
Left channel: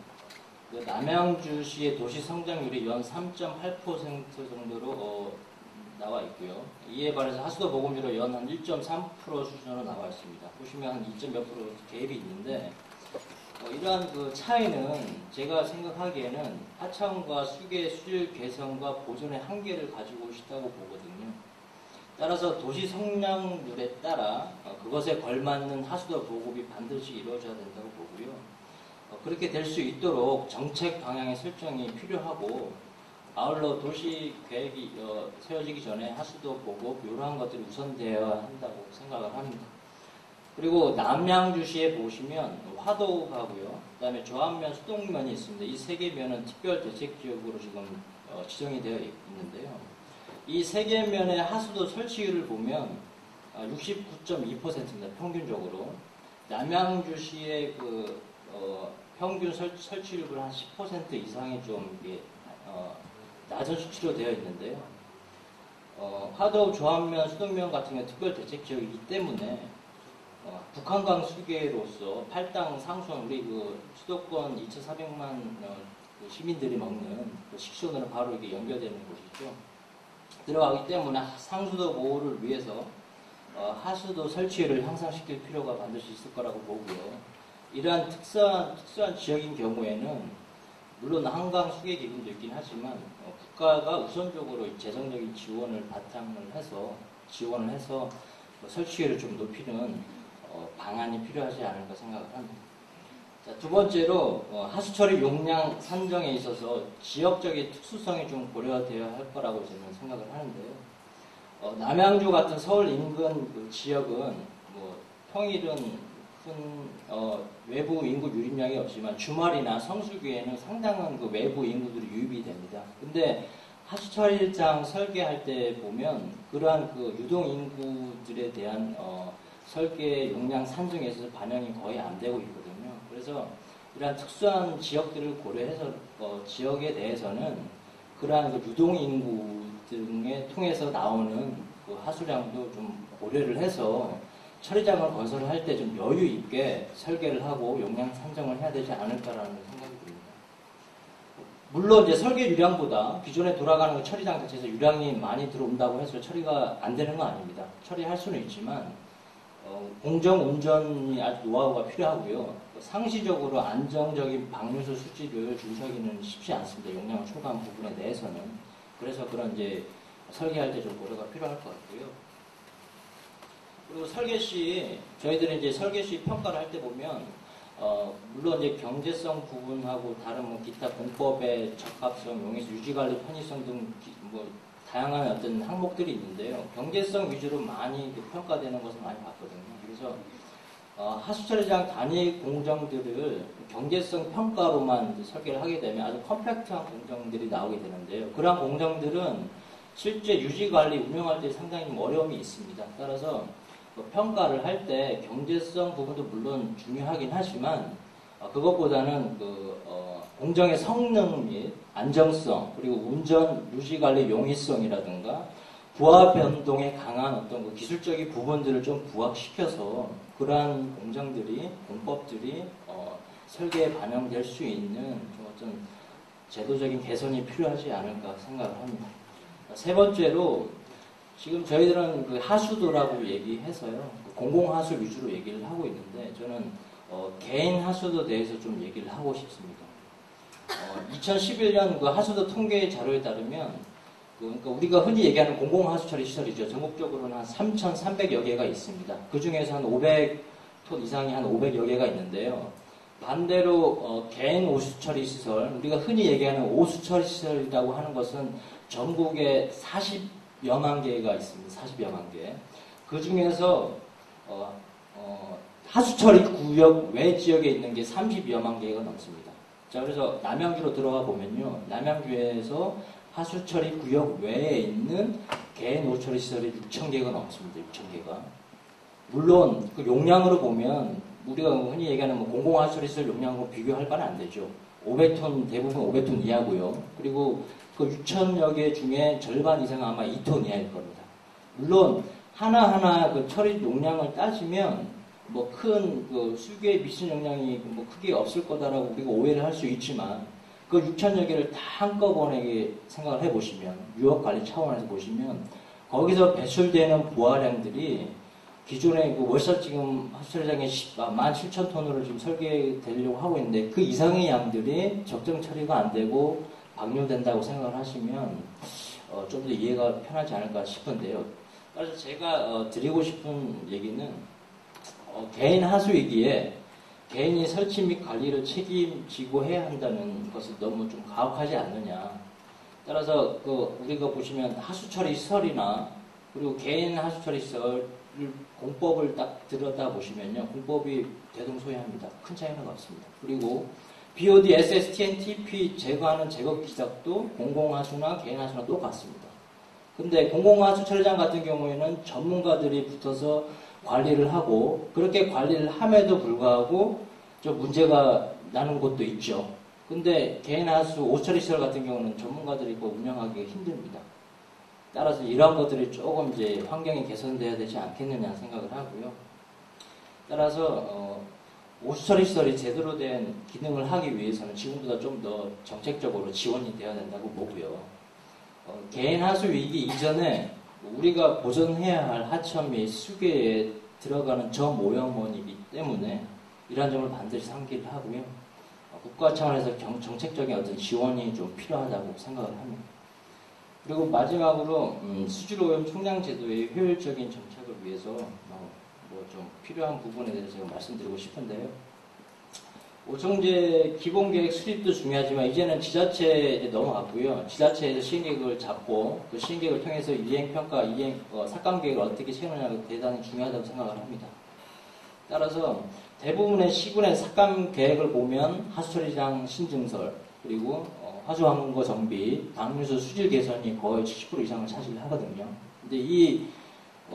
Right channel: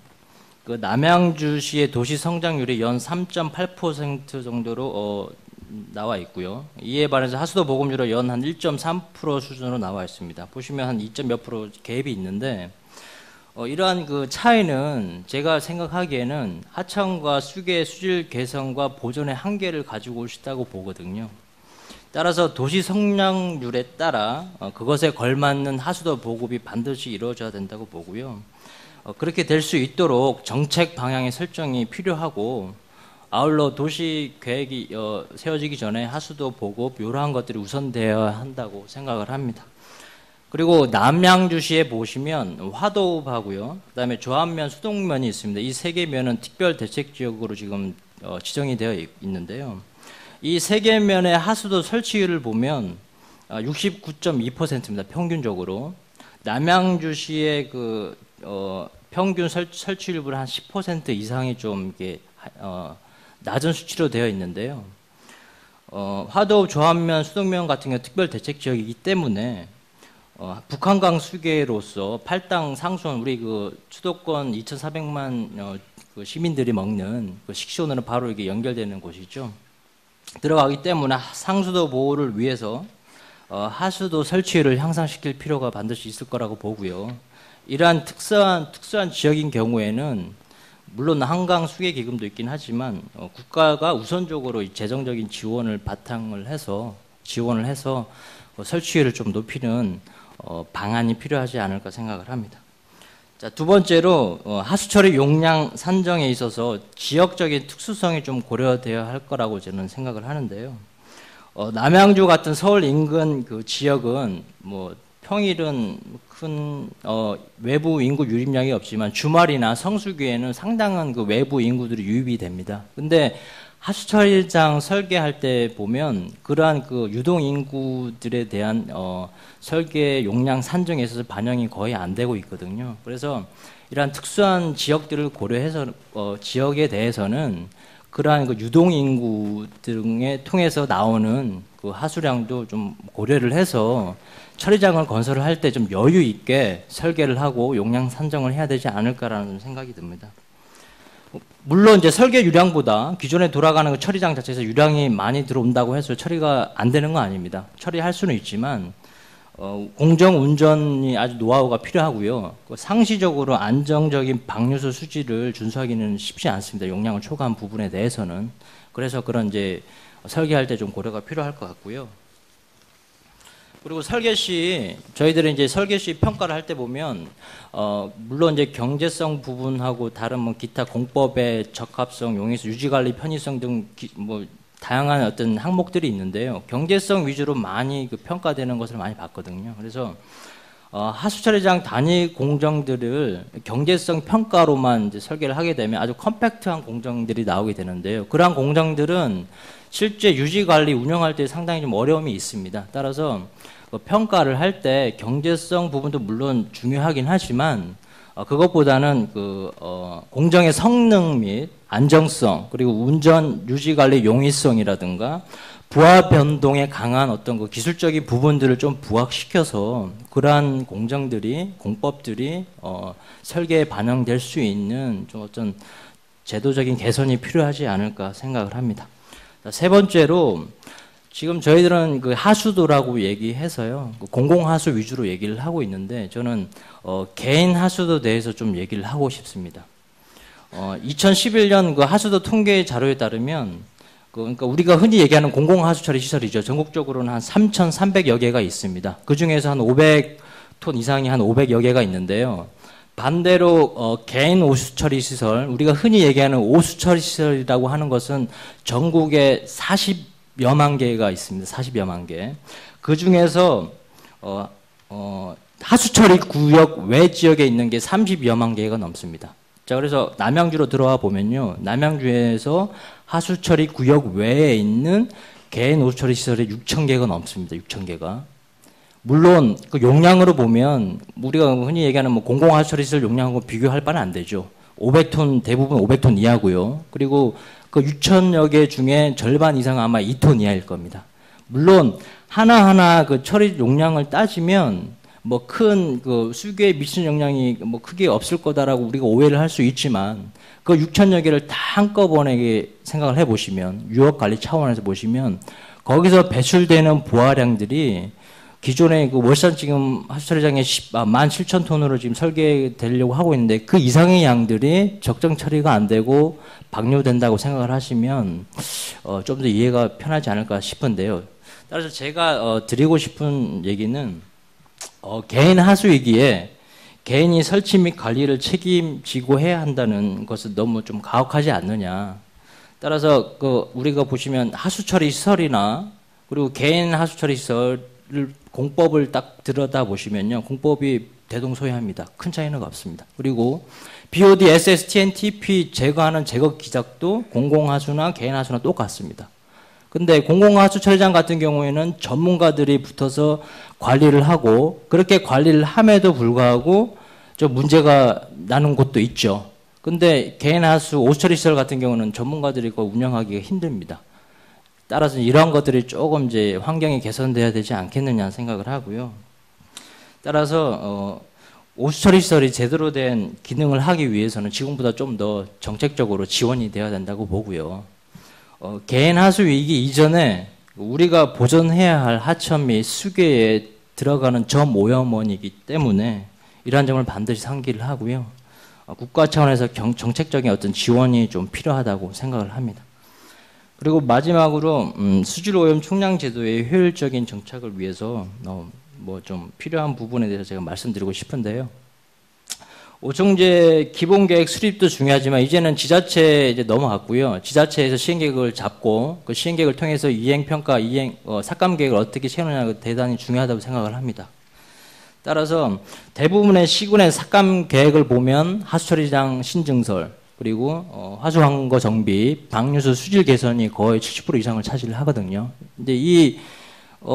남양주시의 도시 성장률이 연 3.8% 정도로 나와 있고요. 이에 반해서 하수도 보급률은 연 한 1.3% 수준으로 나와 있습니다. 보시면 한 2. 몇 프로 갭이 있는데 이러한 차이는 제가 생각하기에는 하천과 수계 수질 개선과 보존의 한계를 가지고 있다고 보거든요. 따라서 도시 성장률에 따라 그것에 걸맞는 하수도 보급이 반드시 이루어져야 된다고 보고요. 그렇게 될 수 있도록 정책 방향의 설정이 필요하고 아울러 도시 계획이 세워지기 전에 하수도 보급 이러한 것들이 우선되어야 한다고 생각을 합니다. 그리고 남양주시에 보시면 화도읍하고요. 그다음에 조안면, 수동면이 있습니다. 이 3개 면은 특별 대책 지역으로 지금 지정이 되어 있는데요. 이 3개 면의 하수도 설치율을 보면 69.2%입니다. 평균적으로. 남양주시의 평균 설치율보다 한 10% 이상이 좀 이게 낮은 수치로 되어 있는데요. 화도, 조안면, 수동면 같은 경우 특별 대책 지역이기 때문에 북한강 수계로서 팔당 상수원 우리 수도권 2,400만 시민들이 먹는 식수원으로 바로 이게 연결되는 곳이죠. 들어가기 때문에 상수도 보호를 위해서 하수도 설치율을 향상시킬 필요가 반드시 있을 거라고 보고요. 이러한 특수한 지역인 경우에는 물론 한강 수계 기금도 있긴 하지만 국가가 우선적으로 재정적인 지원을 바탕을 해서 설치율을 좀 높이는 방안이 필요하지 않을까 생각을 합니다. 자, 두 번째로 하수처리 용량 산정에 있어서 지역적인 특수성이 좀 고려되어야 할 거라고 저는 생각을 하는데요. 남양주 같은 서울 인근 지역은 평일은 큰 외부 인구 유입량이 없지만 주말이나 성수기에는 상당한 외부 인구들이 유입이 됩니다. 근데 하수처리장 설계할 때 보면 그러한 유동 인구들에 대한 설계 용량 산정에 있어서 반영이 거의 안 되고 있거든요. 그래서 이러한 특수한 지역들을 고려해서 지역에 대해서는 그러한 그 유동 인구 등에 통해서 나오는 그 하수량도 좀 고려를 해서 처리장을 건설을 할 때 좀 여유 있게 설계를 하고 용량 산정을 해야 되지 않을까라는 생각이 듭니다. 물론 이제 설계 유량보다 기존에 돌아가는 그 처리장 자체에서 유량이 많이 들어온다고 해서 처리가 안 되는 건 아닙니다. 처리할 수는 있지만 공정 운전이 아주 노하우가 필요하고요. 상시적으로 안정적인 방류수 수질을 준수하기는 쉽지 않습니다. 용량을 초과한 부분에 대해서는. 그래서 그런 이제 설계할 때 좀 고려가 필요할 것 같고요. 그리고 설계 시 저희들이 이제 설계 시 평가를 할 때 보면 물론 이제 경제성 부분하고 다른 뭐 기타 공법의 적합성, 용이성, 유지관리 편의성 등 뭐 다양한 어떤 항목들이 있는데요. 경제성 위주로 많이 그 평가되는 것을 많이 봤거든요. 그래서 하수처리장 단위 공정들을 경제성 평가로만 이제 설계를 하게 되면 아주 컴팩트한 공정들이 나오게 되는데요. 그러한 공정들은 실제 유지관리 운영할 때 상당히 좀 어려움이 있습니다. 따라서 평가를 할 때 경제성 부분도 물론 중요하긴 하지만 그것보다는 공정의 성능 및 안정성 그리고 운전 유지관리 용이성이라든가 부하 변동에 강한 어떤 그 기술적인 부분들을 좀 부각시켜서 그러한 공법들이 설계에 반영될 수 있는 좀 어떤 제도적인 개선이 필요하지 않을까 생각을 합니다. 세 번째로 지금 저희들은 그 하수도라고 얘기해서요. 공공하수 위주로 얘기를 하고 있는데 저는 개인 하수도에 대해서 좀 얘기를 하고 싶습니다. 2011년 그 하수도 통계 자료에 따르면 그러니까 우리가 흔히 얘기하는 공공하수처리 시설이죠. 전국적으로는 한 3,300여 개가 있습니다. 그 중에서 한 500톤 이상이 한 500여 개가 있는데요. 반대로 개인 오수처리 시설, 우리가 흔히 얘기하는 오수처리 시설이라고 하는 것은 전국에 40여만 개가 있습니다. 40여만 개. 그 중에서 하수처리 구역 외 지역에 있는 게 30여만 개가 넘습니다. 자, 그래서 남양주로 들어와 보면요. 남양주에서 하수처리 구역 외에 있는 개인 오수처리 시설이 6,000개가 넘습니다. 6,000개가. 물론 그 용량으로 보면 우리가 흔히 얘기하는 뭐 공공하수처리 시설 용량하고 비교할 바는 안 되죠. 500톤 대부분 500톤 이하고요. 그리고 그 6,000여 개 중에 절반 이상은 아마 2톤 이하일 겁니다. 물론 하나하나 그 처리 용량을 따지면 뭐 큰 그 수교에 미치는 용량이 뭐 크게 없을 거다라고 우리가 오해를 할 수 있지만 그 6,000여 개를 다 한꺼번에 생각을 해보시면 유업 관리 차원에서 보시면 거기서 배출되는 보화량들이 기존의 그 월산 지금 하수처리장에 17,000톤으로 지금 설계되려고 하고 있는데 그 이상의 양들이 적정 처리가 안 되고 방류된다고 생각을 하시면 좀 더 이해가 편하지 않을까 싶은데요. 따라서 제가 드리고 싶은 얘기는 개인 하수이기에 개인이 설치 및 관리를 책임지고 해야 한다는 것은 너무 좀 가혹하지 않느냐. 따라서 우리가 보시면 하수처리 시설이나 그리고 개인 하수처리 시설을 공법을 딱 들여다 보시면요. 공법이 대동소이합니다. 큰 차이는 없습니다. 그리고 BOD, SS, TNTP 제거하는 제거 기작도 공공하수나 개인하수나 똑같습니다. 근데 공공하수 처리장 같은 경우에는 전문가들이 붙어서 관리를 하고 그렇게 관리를 함에도 불구하고 좀 문제가 나는 곳도 있죠. 근데 개인하수 오수처리 시설 같은 경우는 전문가들이 그거 운영하기가 힘듭니다. 따라서 이러한 것들이 조금 이제 환경이 개선돼야 되지 않겠느냐 생각을 하고요. 따라서 오수처리 시설이 제대로 된 기능을 하기 위해서는 지금보다 좀 더 정책적으로 지원이 되어야 된다고 보고요. 개인 하수 위기 이전에 우리가 보존해야 할 하천 및 수계에 들어가는 저오염원이기 때문에 이러한 점을 반드시 상기를 하고요. 국가 차원에서 정책적인 어떤 지원이 좀 필요하다고 생각을 합니다. 그리고 마지막으로 수질 오염 총량 제도의 효율적인 정착을 위해서 뭐 좀 필요한 부분에 대해서 제가 말씀드리고 싶은데요. 오청제 기본계획 수립도 중요하지만 이제는 지자체에 이제 넘어갔고요. 지자체에서 시행계획을 잡고 그 시행계획을 통해서 이행평가, 삭감계획을 어떻게 세우느냐가 대단히 중요하다고 생각을 합니다. 따라서 대부분의 시군의 삭감계획을 보면 하수처리장 신증설, 그리고 하수환거 정비, 방류수 수질 개선이 거의 70% 이상을 차지를 하거든요. 근데 이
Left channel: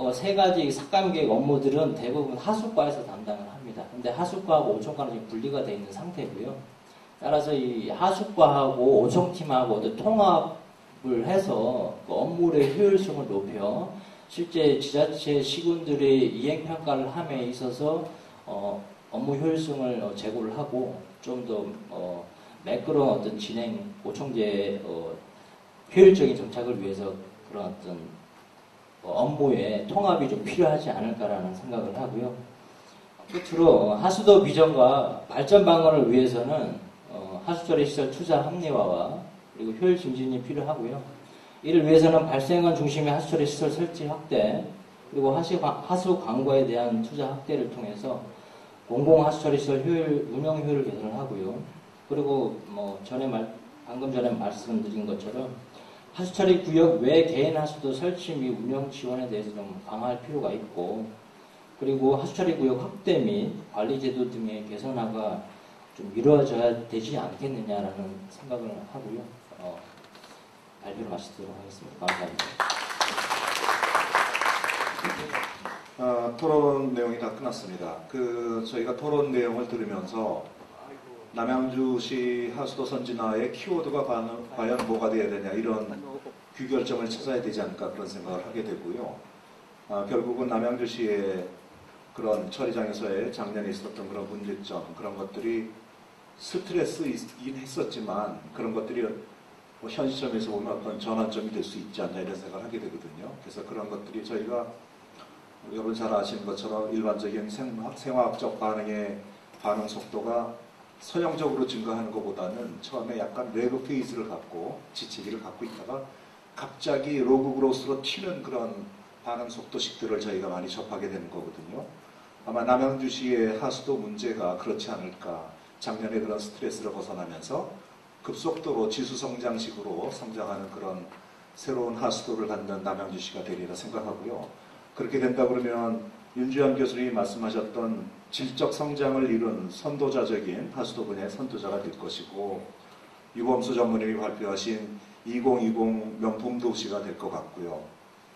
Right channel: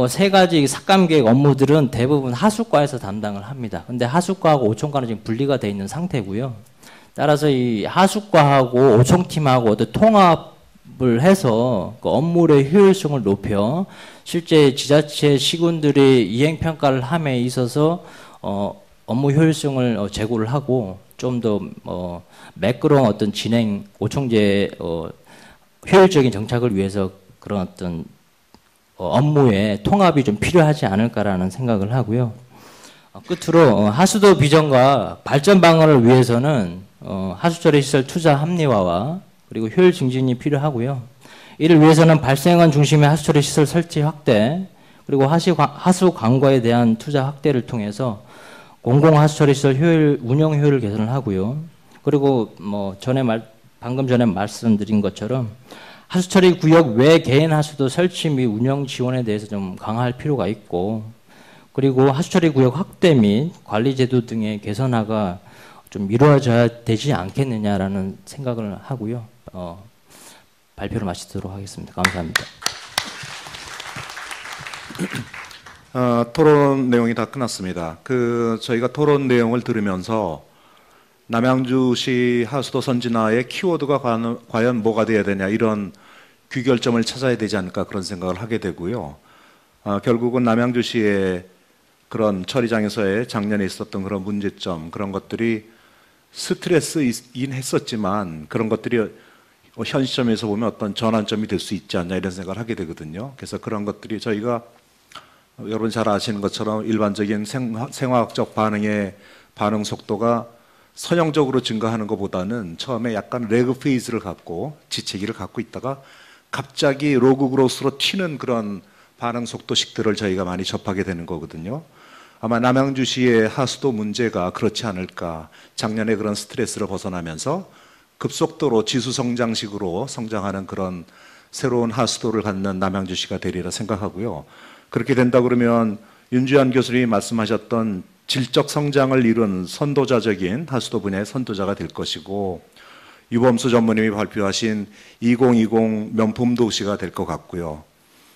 세 가지 삭감계획 업무들은 대부분 하수과에서 담당을 합니다. 근데 하수과하고 오총과는 지금 분리가 되어 있는 상태고요. 따라서 이 하수과하고 오총팀하고 어떤 통합을 해서 그 업무의 효율성을 높여 실제 지자체 시군들의 이행평가를 함에 있어서 업무 효율성을 제고를 하고 좀 더 매끄러운 어떤 진행, 오총제 효율적인 정착을 위해서 그런 어떤 업무의 통합이 좀 필요하지 않을까라는 생각을 하고요. 끝으로 하수도 비전과 발전 방안을 위해서는 하수처리 시설 투자 합리화와 그리고 효율 증진이 필요하고요. 이를 위해서는 발생원 중심의 하수처리 시설 설치 확대 그리고 하수 관과에 대한 투자 확대를 통해서 공공 하수처리 시설 효율 운영 효율 개선을 하고요. 그리고 방금 전에 말씀드린 것처럼 하수처리 구역 외 개인 하수도 설치 및 운영 지원에 대해서 좀 강화할 필요가 있고, 그리고 하수처리 구역 확대 및 관리 제도 등의 개선화가 좀 이루어져야 되지 않겠느냐라는 생각을 하고요. 발표를 마치도록 하겠습니다. 감사합니다. 토론 내용이 다 끝났습니다. 저희가 토론 내용을 들으면서 남양주시 하수도 선진화의 키워드가 과연 뭐가 돼야 되냐 이런 귀결점을 찾아야 되지 않을까 그런 생각을 하게 되고요. 결국은 남양주시의 그런 처리장에서의 작년에 있었던 그런 문제점 그런 것들이 스트레스이긴 했었지만 그런 것들이 현 시점에서 보면 어떤 전환점이 될 수 있지 않냐 이런 생각을 하게 되거든요. 그래서 그런 것들이 저희가 여러분 잘 아시는 것처럼 일반적인 생화학적 반응 속도가 선형적으로 증가하는 것보다는 처음에 약간 레그 페이스를 갖고 지체기를 갖고 있다가 갑자기 로그 그로스로 튀는 그런 반응 속도식들을 저희가 많이 접하게 되는 거거든요. 아마 남양주시의 하수도 문제가 그렇지 않을까. 작년에 그런 스트레스를 벗어나면서 급속도로 지수성장식으로 성장하는 그런 새로운 하수도를 갖는 남양주시가 되리라 생각하고요. 그렇게 된다 그러면 윤주현 교수님이 말씀하셨던 질적 성장을 이룬 선도자적인 하수도 분야의 선도자가 될 것이고, 유범수 전무님이 발표하신 2020 명품 도시가 될 것 같고요.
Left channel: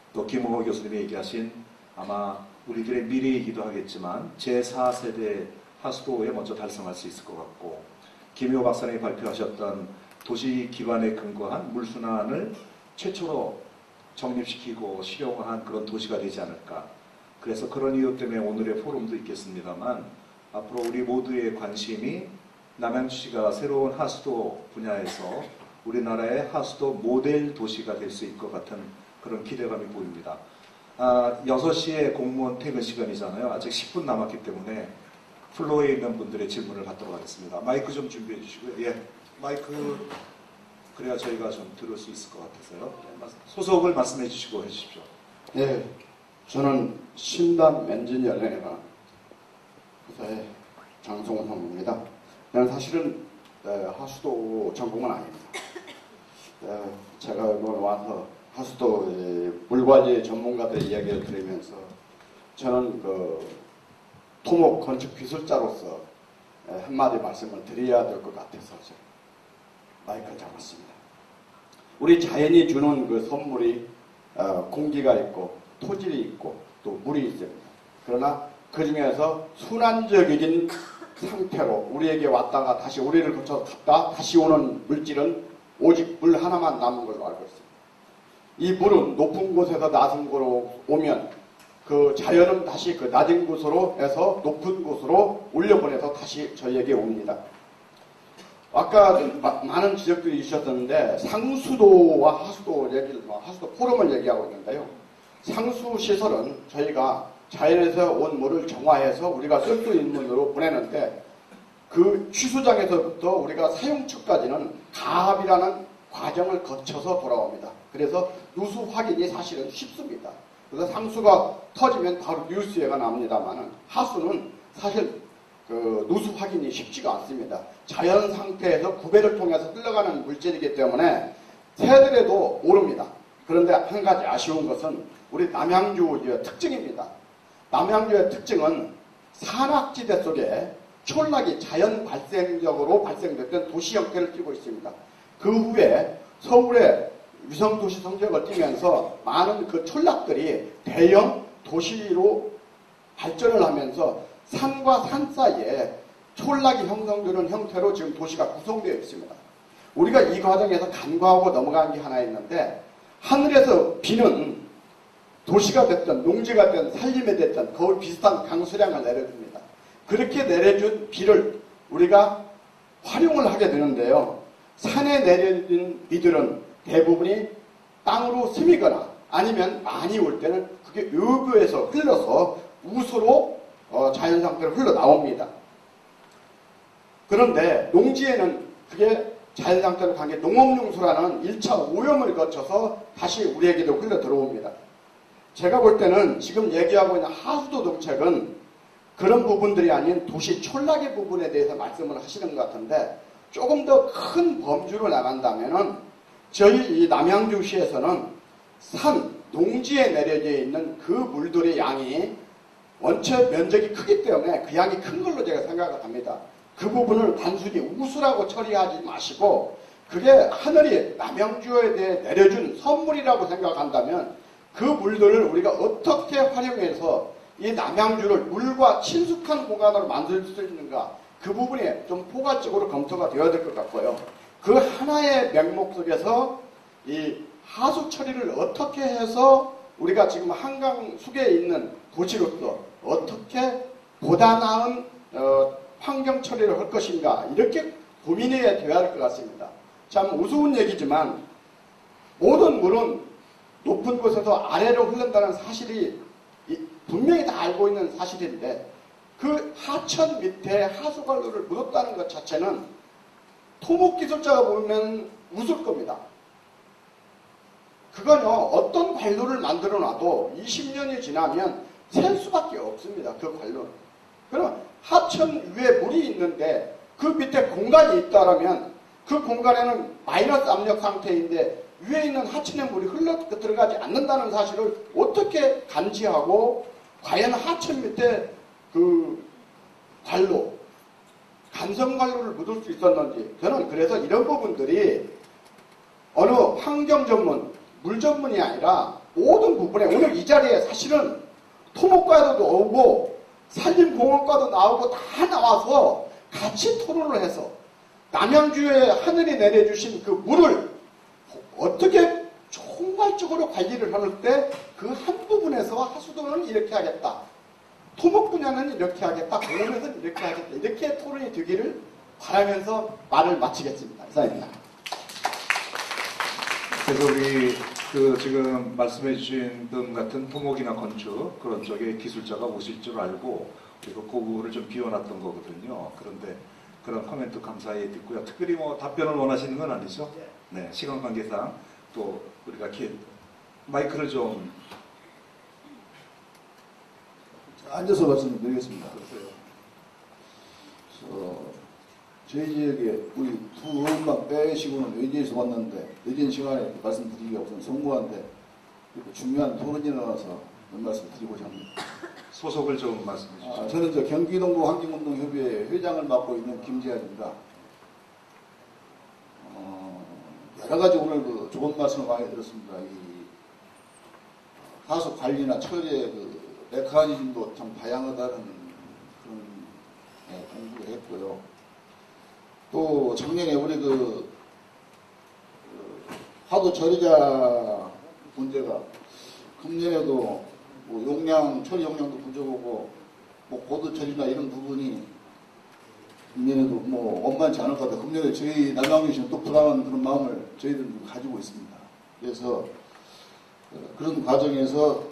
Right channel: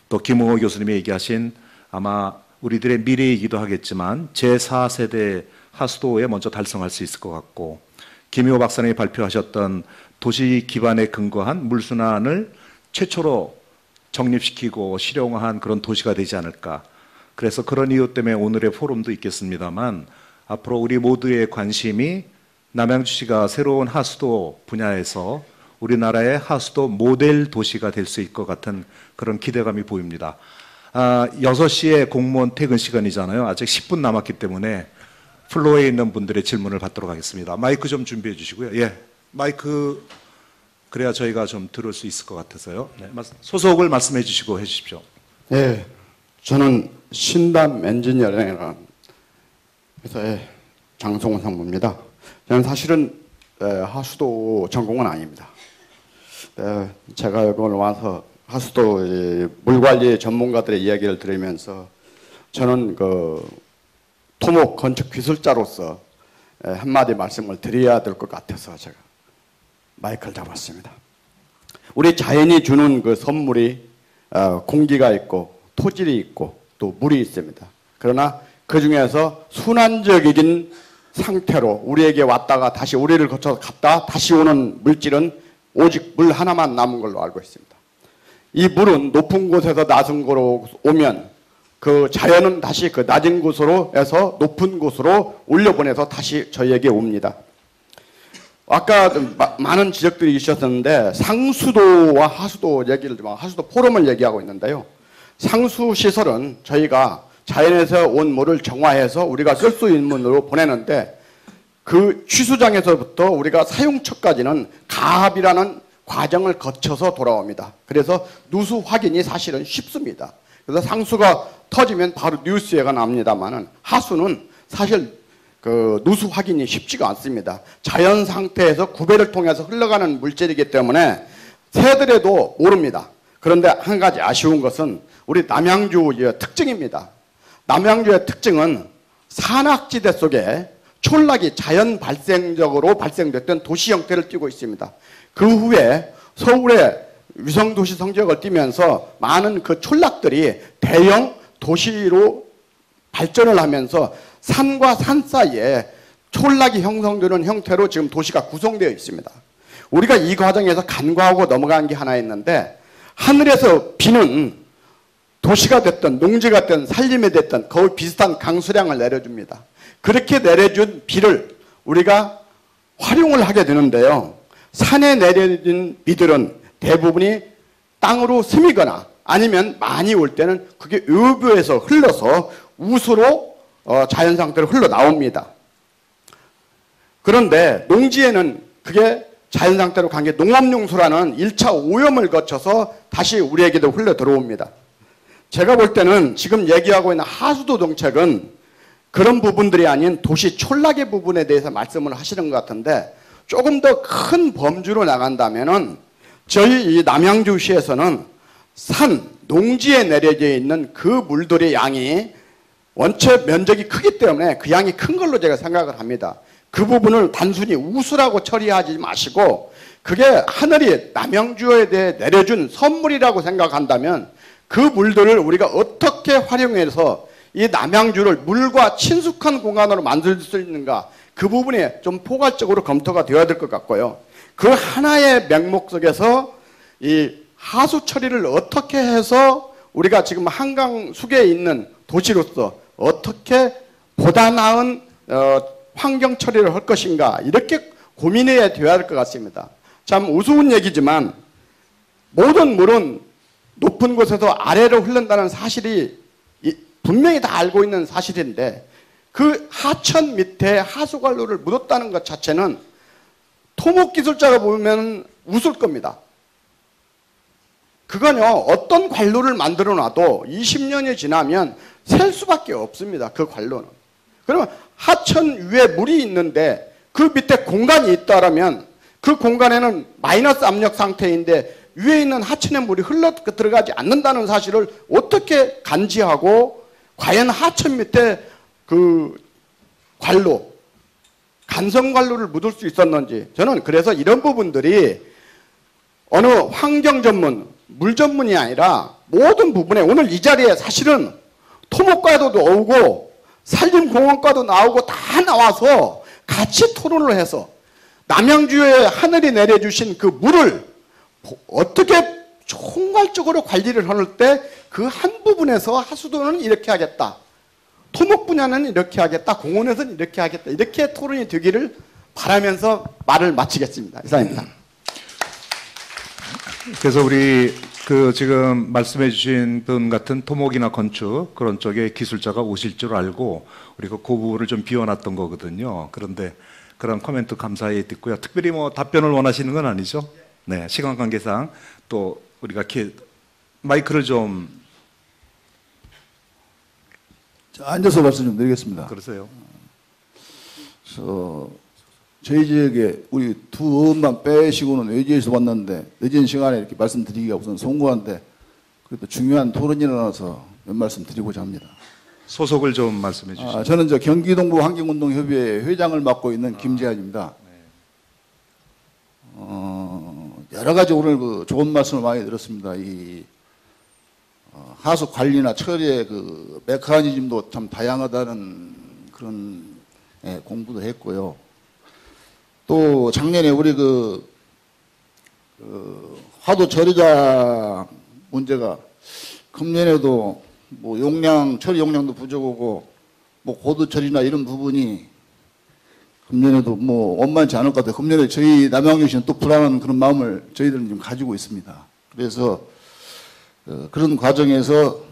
또 김홍호 교수님이 얘기하신 아마 우리들의 미래이기도 하겠지만 제4세대 하수도에 먼저 달성할 수 있을 것 같고, 김효 박사님이 발표하셨던 도시 기반에 근거한 물순환을 최초로 정립시키고 실용화한 그런 도시가 되지 않을까. 그래서 그런 이유 때문에 오늘의 포럼도 있겠습니다만 앞으로 우리 모두의 관심이 남양주시가 새로운 하수도 분야에서 우리나라의 하수도 모델 도시가 될 수 있을 것 같은 그런 기대감이 보입니다. 6시에 공무원 퇴근 시간이잖아요. 아직 10분 남았기 때문에 플로어에 있는 분들의 질문을 받도록 하겠습니다. 마이크 좀 준비해 주시고요. 예, 마이크 그래야 저희가 좀 들을 수 있을 것 같아서요. 네, 소속을 말씀해 주시고 해주십시오. 네, 저는 신담 엔지니어링이라는 회사의 장성훈 상무입니다. 저는 사실은 하수도 전공은 아닙니다. 제가 여기 와서 하수도 물관리 전문가들의 이야기를 들으면서 저는 토목 건축 기술자로서 한마디 말씀을 드려야 될 것 같아서 제가 마이크를 잡았습니다. 우리 자연이 주는 그 선물이 공기가 있고 토질이 있고 또 물이 있습니다. 그러나 그 중에서 순환적인 상태로 우리에게 왔다가 다시 우리를 거쳐서 갔다 다시 오는 물질은 오직 물 하나만 남은 걸로 알고 있습니다. 이 물은 높은 곳에서 낮은 곳으로 오면 그 자연은 다시 그 낮은 곳으로 해서 높은 곳으로 올려보내서 다시 저희에게 옵니다. 아까 많은 지적들이 있었는데 상수도와 하수도 얘기를 하수도 포럼을 얘기하고 있는데요. 상수 시설은 저희가 자연에서 온 물을 정화해서 우리가 쓸 수 있는 물로 보내는데 그 취수장에서부터 우리가 사용처까지는 가압이라는 과정을 거쳐서 돌아옵니다. 그래서 누수 확인이 사실은 쉽습니다. 그래서 상수가 터지면 바로 뉴스에가 납니다만은 하수는 사실 그 누수 확인이 쉽지가 않습니다. 자연 상태에서 구배를 통해서 흘러가는 물질이기 때문에 새들에도 모릅니다. 그런데 한 가지 아쉬운 것은 우리 남양주의 특징입니다. 남양주의 특징은 산악지대 속에 촌락이 자연 발생적으로 발생됐던 도시 형태를 띠고 있습니다. 그 후에 서울의 위성도시 성적을 띠면서 많은 그 촌락들이 대형 도시로 발전을 하면서 산과 산 사이에 촌락이 형성되는 형태로 지금 도시가 구성되어 있습니다. 우리가 이 과정에서 간과하고 넘어간 게 하나 있는데, 하늘에서 비는 도시가 됐든 농지가 됐든 산림이 됐든 거의 비슷한 강수량을 내려줍니다. 그렇게 내려준 비를 우리가 활용을 하게 되는데요. 산에 내려진 비들은 대부분이 땅으로 스미거나 아니면 많이 올 때는 그게 외부에서 흘러서 우수로 자연 상태로 흘러나옵니다. 그런데 농지에는 그게 자연 상태로 간 게 농업용수라는 1차 오염을 거쳐서 다시 우리에게도 흘러 들어옵니다. 제가 볼 때는 지금 얘기하고 있는 하수도 정책은 그런 부분들이 아닌 도시 촌락의 부분에 대해서 말씀을 하시는 것 같은데, 조금 더 큰 범주로 나간다면은 저희 이 남양주시에서는 산, 농지에 내려져 있는 그 물들의 양이 원체 면적이 크기 때문에 그 양이 큰 걸로 제가 생각을 합니다. 그 부분을 단순히 우수라고 처리하지 마시고, 그게 하늘이 남양주에 대해 내려준 선물이라고 생각한다면 그 물들을 우리가 어떻게 활용해서 이 남양주를 물과 친숙한 공간으로 만들 수 있는가, 그 부분에 좀 포괄적으로 검토가 되어야 될 것 같고요. 그 하나의 명목 속에서 이 하수 처리를 어떻게 해서 우리가 지금 한강 수계에 있는 도시로서 어떻게 보다 나은 환경 처리를 할 것인가, 이렇게 고민해야 되어야 할 것 같습니다. 참 우스운 얘기지만 모든 물은 높은 곳에서 아래로 흐른다는 사실이 분명히 다 알고 있는 사실인데, 그 하천 밑에 하수관로를 묻었다는 것 자체는 토목기술자가 보면 웃을 겁니다. 그건요, 어떤 관로를 만들어 놔도 20년이 지나면 셀 수밖에 없습니다. 그 관로는. 그러면 하천 위에 물이 있는데 그 밑에 공간이 있다라면 그 공간에는 마이너스 압력 상태인데 위에 있는 하천의 물이 흘러 들어가지 않는다는 사실을 어떻게 간지하고, 과연 하천 밑에 그 관로, 간선관로를 묻을 수 있었는지, 저는 그래서 이런 부분들이 어느 환경 전문, 물 전문이 아니라 모든 부분에, 오늘 이 자리에 사실은 토목과도 오고 산림공원과도 나오고 다 나와서 같이 토론을 해서 남양주에 하늘이 내려주신 그 물을 어떻게 총괄적으로 관리를 할 때 그 한 부분에서 하수도는 이렇게 하겠다, 토목 분야는 이렇게 하겠다, 공원에서는 이렇게 하겠다, 이렇게 토론이 되기를 바라면서 말을 마치겠습니다. 이상입니다. 그래서 우리 그 지금 말씀해 주신 분 같은 토목이나 건축 그런 쪽에 기술자가 오실 줄 알고 우리가 그 부분을 좀 비워놨던 거거든요. 그런데 그런 코멘트 감사히 듣고요. 특별히 뭐 답변을 원하시는 건 아니죠? 네, 시간 관계상 또 우리가 마이크를 좀 자, 앉아서 말씀 좀 드리겠습니다. 그러세요. 저희 지역에 우리 두 의원만 빼시고는 외지에서 왔는데 늦은 시간에 이렇게 말씀드리기가 우선 송구한데, 그래도 중요한 토론이 일어나서 몇 말씀 드리고자 합니다. 소속을 좀 말씀해 주시죠. 저는 경기동부 환경운동협의회 회장을 맡고 있는 김재환입니다. 여러 가지 오늘 그 좋은 말씀을 많이 들었습니다. 이 하수 관리나 처리의 그 메커니즘도 참 다양하다는 그런 공부도 했고요. 또 작년에 우리 화도 처리장 문제가 금년에도 뭐 처리 용량도 부족하고 뭐 고도 처리나 이런 부분이 금년에도 뭐 원만치 않을 것 같아요. 금년에 저희 남양주시는 또 불안한 그런 마음을 저희들은 좀 가지고 있습니다. 그래서 그런 과정에서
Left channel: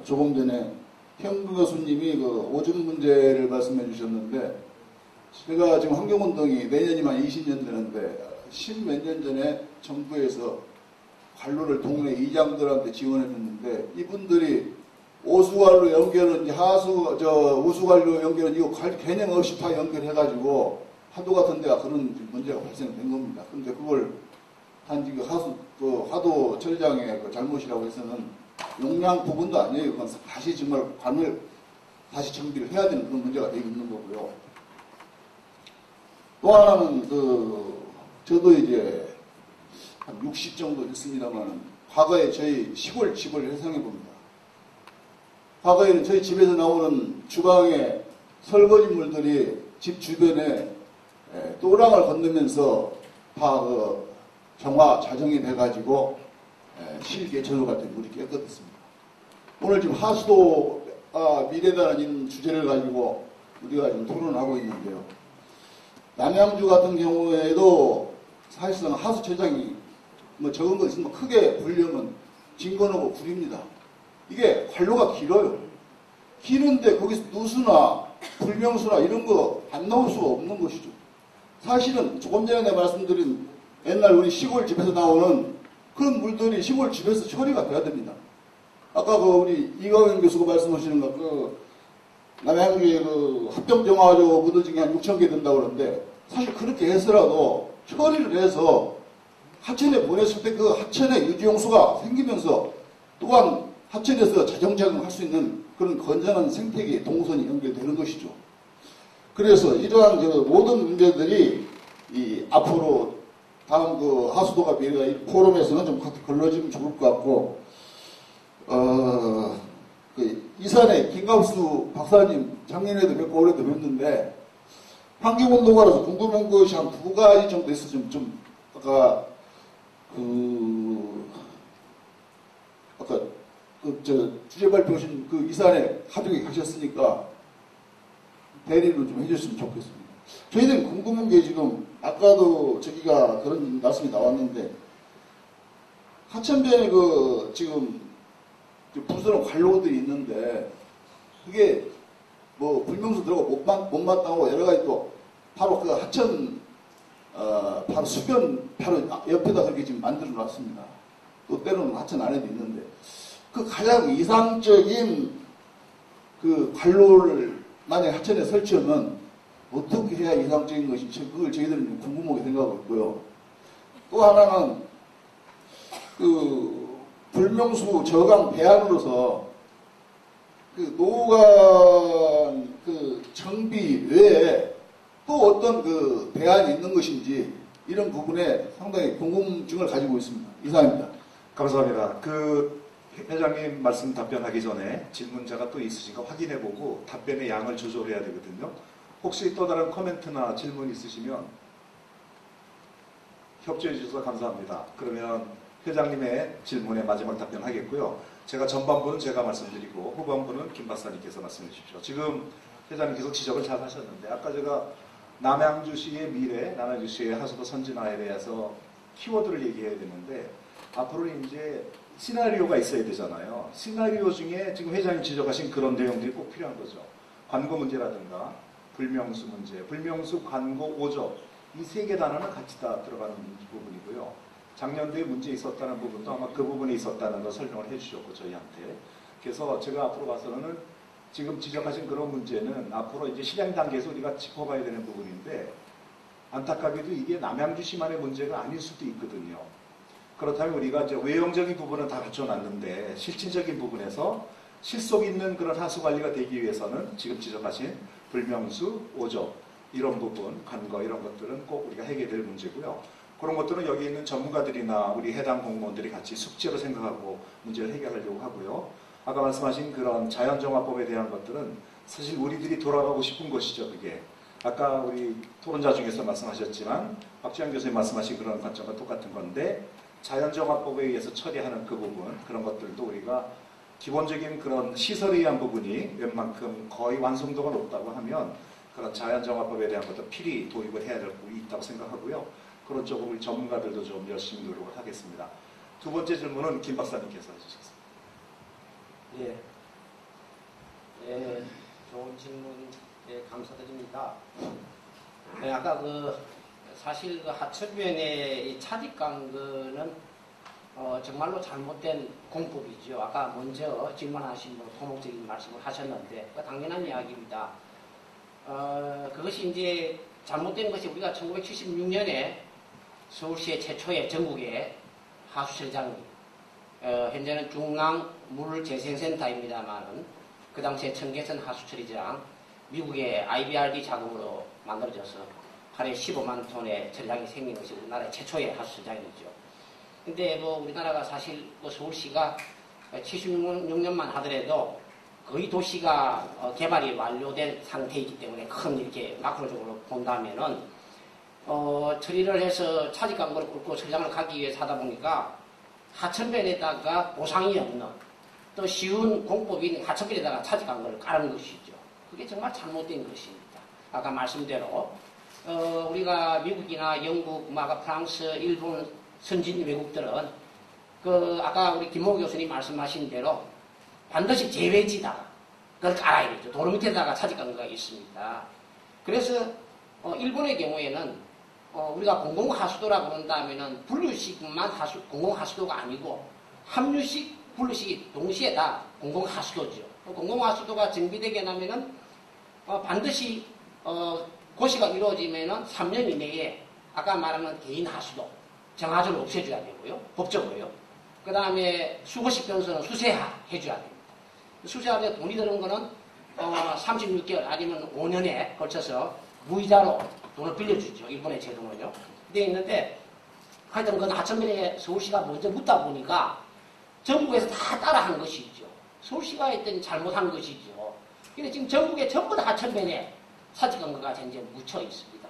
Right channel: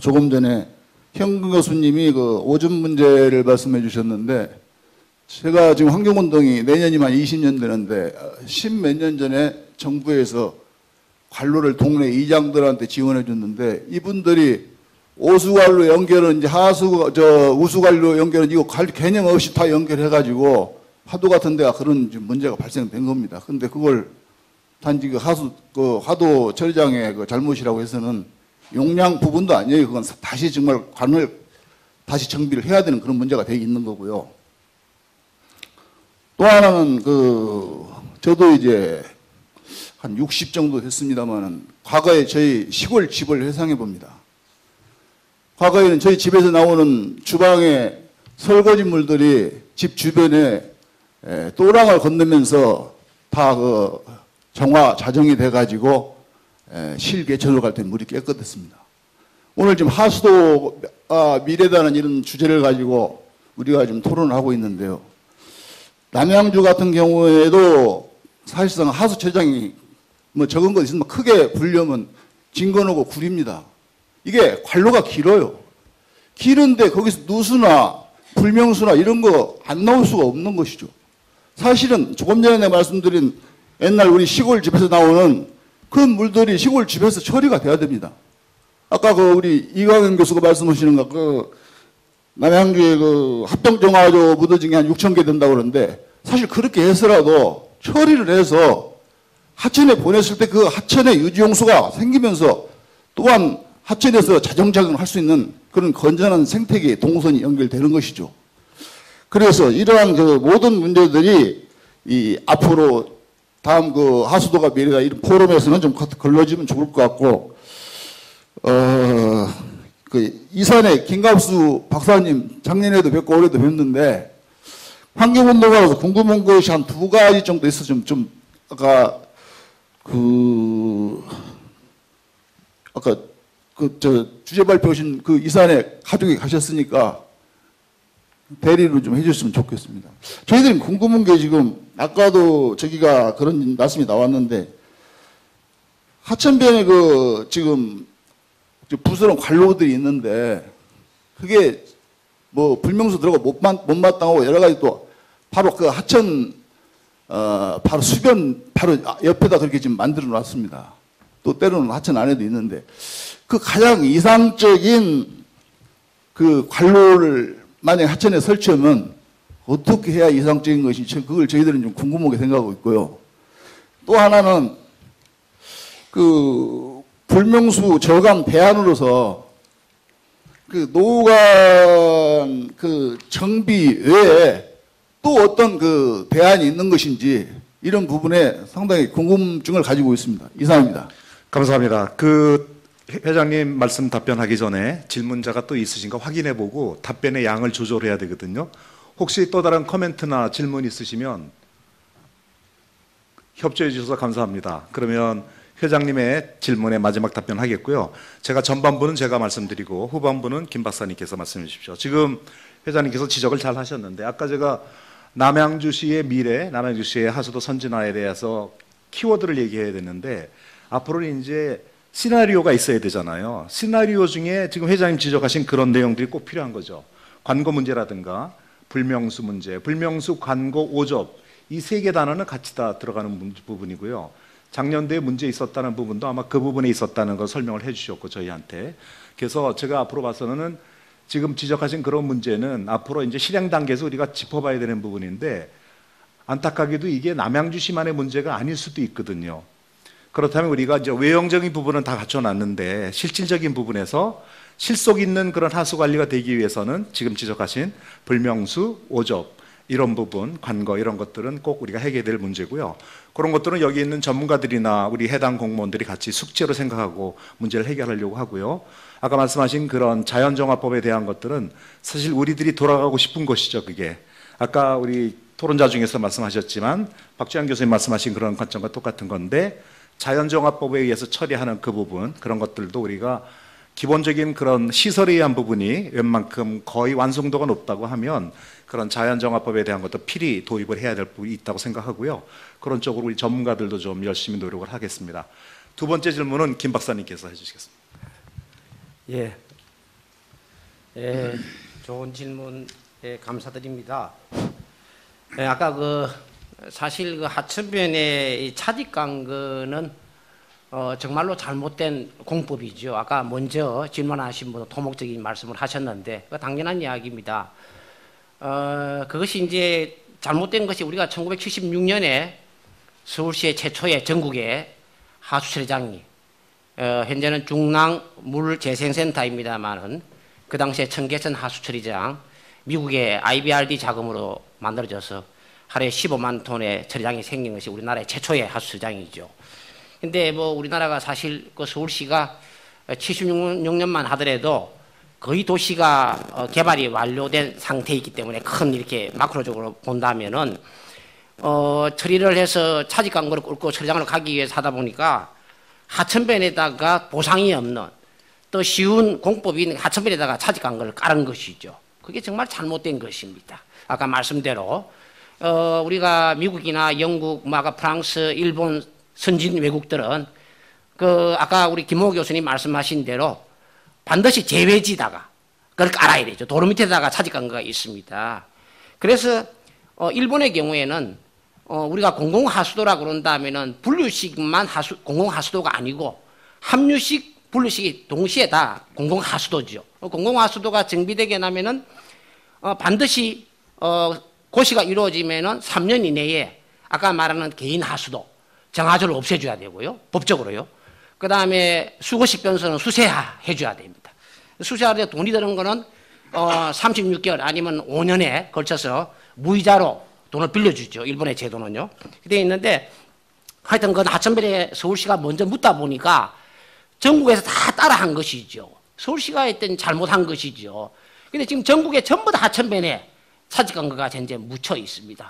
조금 전에 현근 교수님이 그 오줌 문제를 말씀해 주셨는데, 제가 지금 환경운동이 내년이면 20년 되는데 10몇 년 전에 정부에서 관로를 동네 이장들한테 지원해 줬는데, 이분들이 오수관로 연결은 이제 우수관로 연결은 이거 개념 없이 다 연결해가지고 화도 같은 데가 그런 문제가 발생된 겁니다. 근데 그걸 단지 화도 처리장의 그 잘못이라고 해서는 용량 부분도 아니에요. 그건 다시 정말 관을 다시 정비를 해야 되는 그런 문제가 되어 있는 거고요. 또 하나는 저도 이제 한 60 정도 됐습니다만 과거에 저희 시골 집을 회상해 봅니다. 과거에는 저희 집에서 나오는 주방에 설거지물들이 집 주변에 또랑을 건너면서 다 그 정화 자정이 돼가지고 실개천으로 갈 때 물이 깨끗했습니다. 오늘 지금 하수도 미래다는 이런 주제를 가지고 우리가 지금 토론을 하고 있는데요. 남양주 같은 경우에도 사실상 하수처장이 뭐 적은 거 있으면 크게 불려면 진건하고 구립니다. 이게 관로가 길어요. 길은데 거기서 누수나 불명수나 이런 거 안 나올 수가 없는 것이죠. 사실은 조금 전에 말씀드린 옛날 우리 시골 집에서 나오는 그 물들이 시골 집에서 처리가 돼야 됩니다. 아까 그 우리 이광현 교수가 말씀하시는 거 그 남양주에 그 합병정화조 묻어진 게 한 6천 개 된다고 그러는데 사실 그렇게 해서라도 처리를 해서 하천에 보냈을 때 그 하천에 유지용수가 생기면서 또한 하천에서 자정작용을 할 수 있는 그런 건전한 생태계 동선이 연결되는 것이죠. 그래서 이러한 그 모든 문제들이 이 앞으로 다음 그 하수도가 미래다 이런 포럼에서는 좀 걸러지면 좋을 것 같고, 그 이산의 김갑수 박사님 작년에도 뵙고 올해도 뵙는데 환경운동가로서 궁금한 것이 한 2가지 정도 있어. 좀 아까 저 주제 발표하신 그 이산에 가족이 가셨으니까 대리로 좀 해주셨으면 좋겠습니다. 저희들이 궁금한 게 지금 아까도 저기가 그런 말씀이 나왔는데 하천변에 그 지금 부스러운 관로들이 있는데 그게 뭐 불명수 들어가 못마땅하고 여러 가지 또 바로 그 하천 바로 수변 바로 옆에다 그렇게 지금 만들어 놨습니다. 또 때로는 하천 안에도 있는데 그 가장 이상적인 그 관로를 만약에 하천에 설치하면 어떻게 해야 이상적인 것인지 그걸 저희들은 좀 궁금하게 생각하고 있고요. 또 하나는 그 불명수 저강 대안으로서 그 노후관 그 정비 외에 또 어떤 그 대안이 있는 것인지 이런 부분에 상당히 궁금증을 가지고 있습니다. 이상입니다. 감사합니다. 그 회장님 말씀 답변하기 전에 질문자가 또 있으신가 확인해보고 답변의 양을 조절해야 되거든요. 혹시 또 다른 코멘트나 질문 있으시면 협조해 주셔서 감사합니다. 그러면 회장님의 질문에 마지막 답변하겠고요. 제가 전반부는 제가 말씀드리고 후반부는 김 박사님께서 말씀해 주십시오. 지금 회장님께서 지적을 잘 하셨는데 아까 제가 남양주시의 미래, 남양주시의 하수도 선진화에 대해서 키워드를 얘기해야 되는데 앞으로는 이제 시나리오가 있어야 되잖아요. 시나리오 중에 지금 회장님 지적하신 그런 내용들이 꼭 필요한 거죠. 관고 문제라든가 불명수 문제, 불명수, 관고, 오접 이 3개 단어는 같이 다 들어가는 부분이고요. 작년도에 문제 있었다는 부분도 아마 그 부분에 있었다는 걸 설명을 해주셨고 저희한테. 그래서 제가 앞으로 봐서는 지금 지적하신 그런 문제는 앞으로 이제 실행 단계에서 우리가 짚어봐야 되는 부분인데 안타깝게도 이게 남양주시만의 문제가 아닐 수도 있거든요. 그렇다면 우리가 이제 외형적인 부분은 다 갖춰놨는데 실질적인 부분에서 실속 있는 그런 하수 관리가 되기 위해서는 지금 지적하신 불명수, 오접 이런 부분, 관거 이런 것들은 꼭 우리가 해결될 문제고요. 그런 것들은 여기 있는 전문가들이나 우리 해당 공무원들이 같이 숙제로 생각하고 문제를 해결하려고 하고요. 아까 말씀하신 그런 자연정화법에 대한 것들은 사실 우리들이 돌아가고 싶은 것이죠. 그게 아까 우리 토론자 중에서 말씀하셨지만 박주환 교수님 말씀하신 그런 관점과 똑같은 건데 자연정화법에 의해서 처리하는 그 부분 그런 것들도 우리가 기본적인 그런 시설에 의한 부분이 웬만큼 거의 완성도가 높다고 하면 그런 자연정화법에 대한 것도 필히 도입을 해야 될 부분이 있다고 생각하고요. 그런 쪽으로 우리 전문가들도 좀 열심히 노력을 하겠습니다. 두 번째 질문은 김 박사님께서 해주시겠습니다. 좋은 질문 감사드립니다. 아까 사실 그 하천변의 이 차뒷강 거는 정말로 잘못된 공법이죠. 아까 먼저 질문하신 분 토목적인 말씀을 하셨는데 당연한 이야기입니다. 그것이 이제 잘못된 것이 우리가 1976년에 서울시의 최초의 전국의 하수처리장이 현재는 중랑물재생센터입니다만은 그 당시에 청계천 하수처리장 미국의 IBRD 자금으로 만들어져서 하루에 15만 톤의 처리장이 생긴 것이 우리나라의 최초의 하수처리장이죠. 근데 뭐 우리나라가 사실 그 서울시가 76년만 하더라도 거의 도시가 개발이 완료된 상태이기 때문에 큰 이렇게 마크로적으로 본다면은 처리를 해서 차직 광고를 뚫고 처리장을 가기 위해서 하다 보니까 하천변에다가 보상이 없는 또 쉬운 공법인 하천변에다가 차직 광고를 깔은 것이죠. 그게 정말 잘못된 것입니다. 아까 말씀대로 우리가 미국이나 영국, 프랑스, 일본 선진 외국들은 아까 우리 김호 교수님 말씀하신 대로 반드시 제외지다가 그걸 깔아야 되죠. 도로 밑에다가 차직 광고가 있습니다. 그래서 일본의 경우에는 우리가 공공하수도라고 그런다면은 분류식만 공공하수도가 아니고 함유식, 분류식이 동시에 다 공공하수도죠. 공공하수도가 정비되게 나면은 반드시 고시가 이루어지면은 3년 이내에 아까 말하는 개인 하수도 정화조를 없애줘야 되고요. 법적으로요. 그 다음에 수거식 변소는 수세해줘야 됩니다. 수세하는데 돈이 드는 거는 36개월 아니면 5년에 걸쳐서 무이자로 돈을 빌려주죠. 일본의 제도는요. 되어 있는데 하여튼 그 하천변에 서울시가 먼저 묻다 보니까 전국에서 다 따라한 것이죠. 서울시가 했던 잘못한 것이죠. 근데 지금 전국에 전부 다 하천변에 차직 광고가 현재 묻혀 있습니다.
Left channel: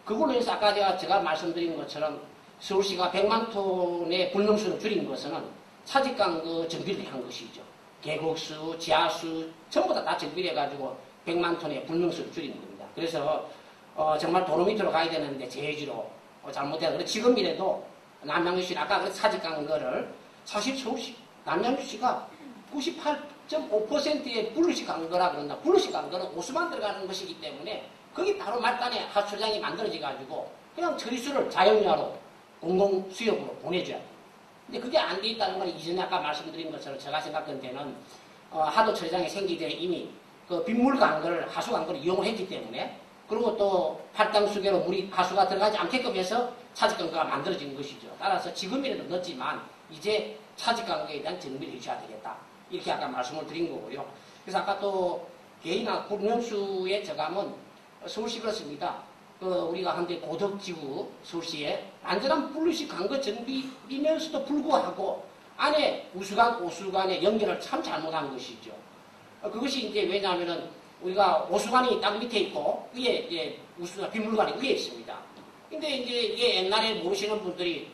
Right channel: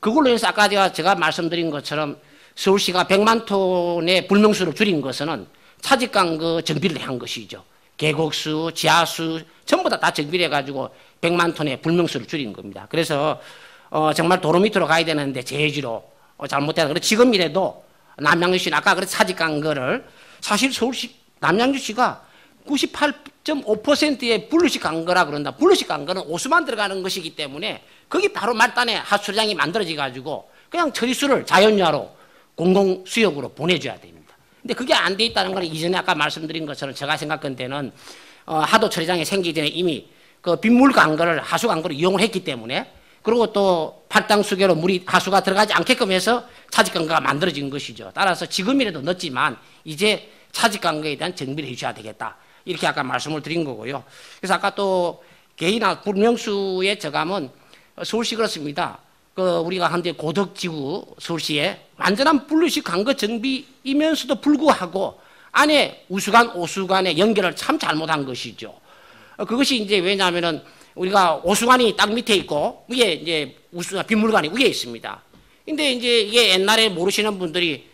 그걸로 해서 아까 제가 말씀드린 것처럼 서울시가 100만 톤의 불명수를 줄인 것은 차직 광고 정비를 한 것이죠. 계곡수, 지하수 전부 다 정비를 해가지고 100만 톤의 불명수를 줄인 겁니다. 그래서 정말 도로 밑으로 가야 되는데 제지로 잘못해서 그래 지금이라도 남양주시는 아까 그래 차직 광고를 사실 서울시 남양주시가 98.5%의 분류식 광고라 그런다. 분류식 광고는 오수만 들어가는 것이기 때문에 거기 바로 말단에 하수장이 만들어져 가지고 그냥 처리수를 자연야로 공공수역으로 보내줘야 됩니다. 근데 그게 안 돼 있다는 건 이전에 아까 말씀드린 것처럼 제가 생각한 때는 하도 처리장이 생기기 전에 이미 그 빗물 광고를 하수 광고를 이용을 했기 때문에 그리고 또 팔당 수계로 물이 하수가 들어가지 않게끔 해서 차직 광고가 만들어진 것이죠. 따라서 지금이라도 늦지만 이제 차직 광고에 대한 정비를 해줘야 되겠다. 이렇게 아까 말씀을 드린 거고요. 그래서 아까 또 개인화 불명수의 저감은 서울시 그렇습니다. 우리가 현재 고덕지구 서울시에 완전한 분류식 광고 정비이면서도 불구하고 안에 우수관, 오수관의 연결을 참 잘못한 것이죠. 그것이 이제 왜냐하면은 우리가 오수관이 땅 밑에 있고 위에 이제 빗물관이 위에 있습니다. 근데 이제 이게 옛날에 모르시는 분들이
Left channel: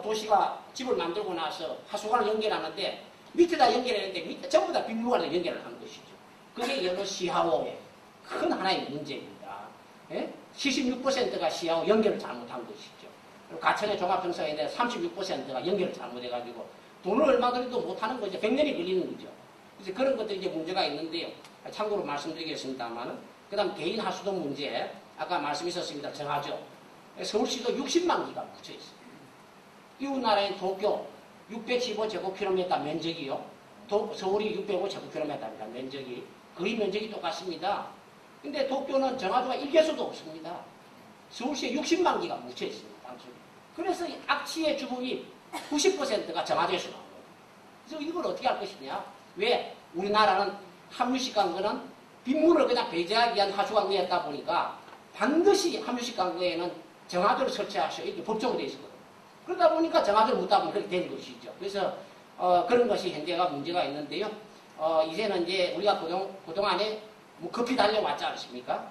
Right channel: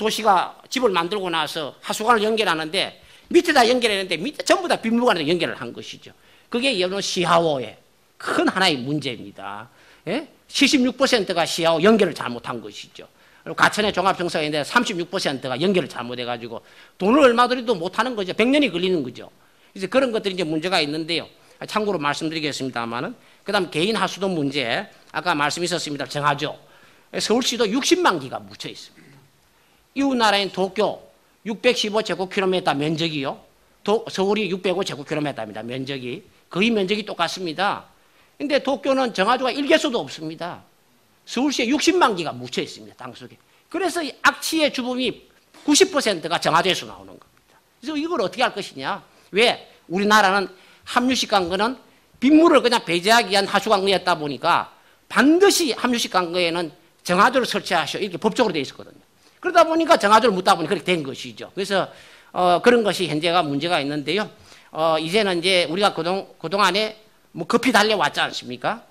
도시가 집을 만들고 나서 하수관을 연결하는데 밑에다 연결했는데 밑에 전부 다 빗물관에 연결을 한 것이죠. 그게 여러 시하오의 큰 하나의 문제입니다. 예? 76%가 시하오 연결을 잘못한 것이죠. 그리고 가천의 종합청사가 있는데 36%가 연결을 잘못해가지고 돈을 얼마 들여도 못하는 거죠. 100년이 걸리는 거죠. 그래서 그런 것들이 이제 문제가 있는데요. 참고로 말씀드리겠습니다만은 그다음 개인 하수도 문제 아까 말씀 있었습니다. 정하죠. 서울시도 60만 기가 묻혀 있습니다. 이웃 나라인 도쿄 615제곱킬로미터 면적이요. 서울이 605제곱킬로미터입니다. 면적이. 거의 면적이 똑같습니다. 근데 도쿄는 정화조가 1개소도 없습니다. 서울시에 60만 기가 묻혀 있습니다. 땅속에. 그래서 이 악취의 주범이 90%가 정화조에서 나오는 겁니다. 그래서 이걸 어떻게 할 것이냐. 왜? 우리나라는 함유식 광고는 빗물을 그냥 배제하기 위한 하수광고였다 보니까 반드시 함유식 광고에는 정화조를 설치하시오. 이렇게 법적으로 되어 있었거든요. 그러다 보니까 정화조를 묻다 보니 그렇게 된 것이죠. 그래서 그런 것이 현재가 문제가 있는데요. 이제는 이제 우리가 그동안에 뭐 급히 달려왔지 않습니까?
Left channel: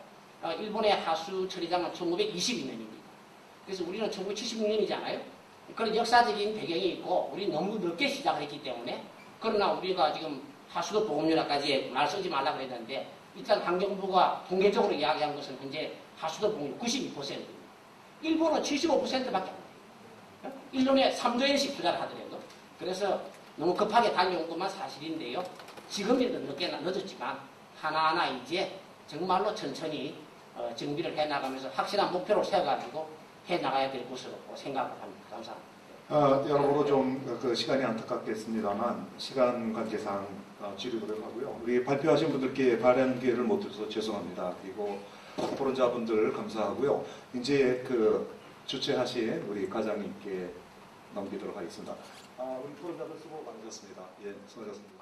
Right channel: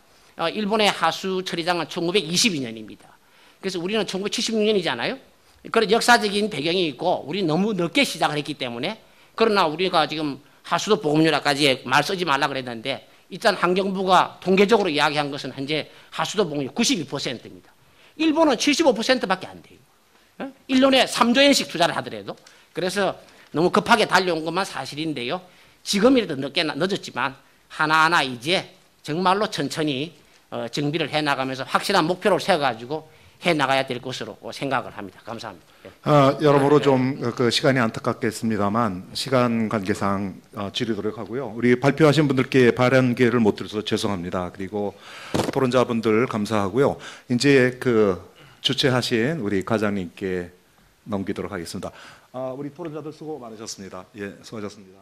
일본의 하수 처리장은 1922년입니다. 그래서 우리는 1976년이잖아요. 그런 역사적인 배경이 있고 우리 너무 늦게 시작을 했기 때문에 그러나 우리가 지금 하수도 보급률까지 말 쓰지 말라 그랬는데 일단 환경부가 통계적으로 이야기한 것은 현재 하수도 보급률 92%입니다. 일본은 75%밖에 안 돼요. 1년에 3조엔씩 투자를 하더라도. 그래서 너무 급하게 달려온 것만 사실인데요. 지금이라도 늦었지만 하나하나 이제 정말로 천천히 정비를 해나가면서 확실한 목표를 세워가지고 해나가야 될 것으로 생각을 합니다. 감사합니다. 여러모로 좀 그 시간이 안타깝겠습니다만 시간 관계상 줄이도록 하고요. 우리 발표하신 분들께 발언 기회를 못 드려서 죄송합니다. 그리고 토론자분들 감사하고요. 이제 그 주최하신 우리 과장님께 넘기도록 하겠습니다. 우리 토론자들 수고 많으셨습니다. 예, 수고하셨습니다.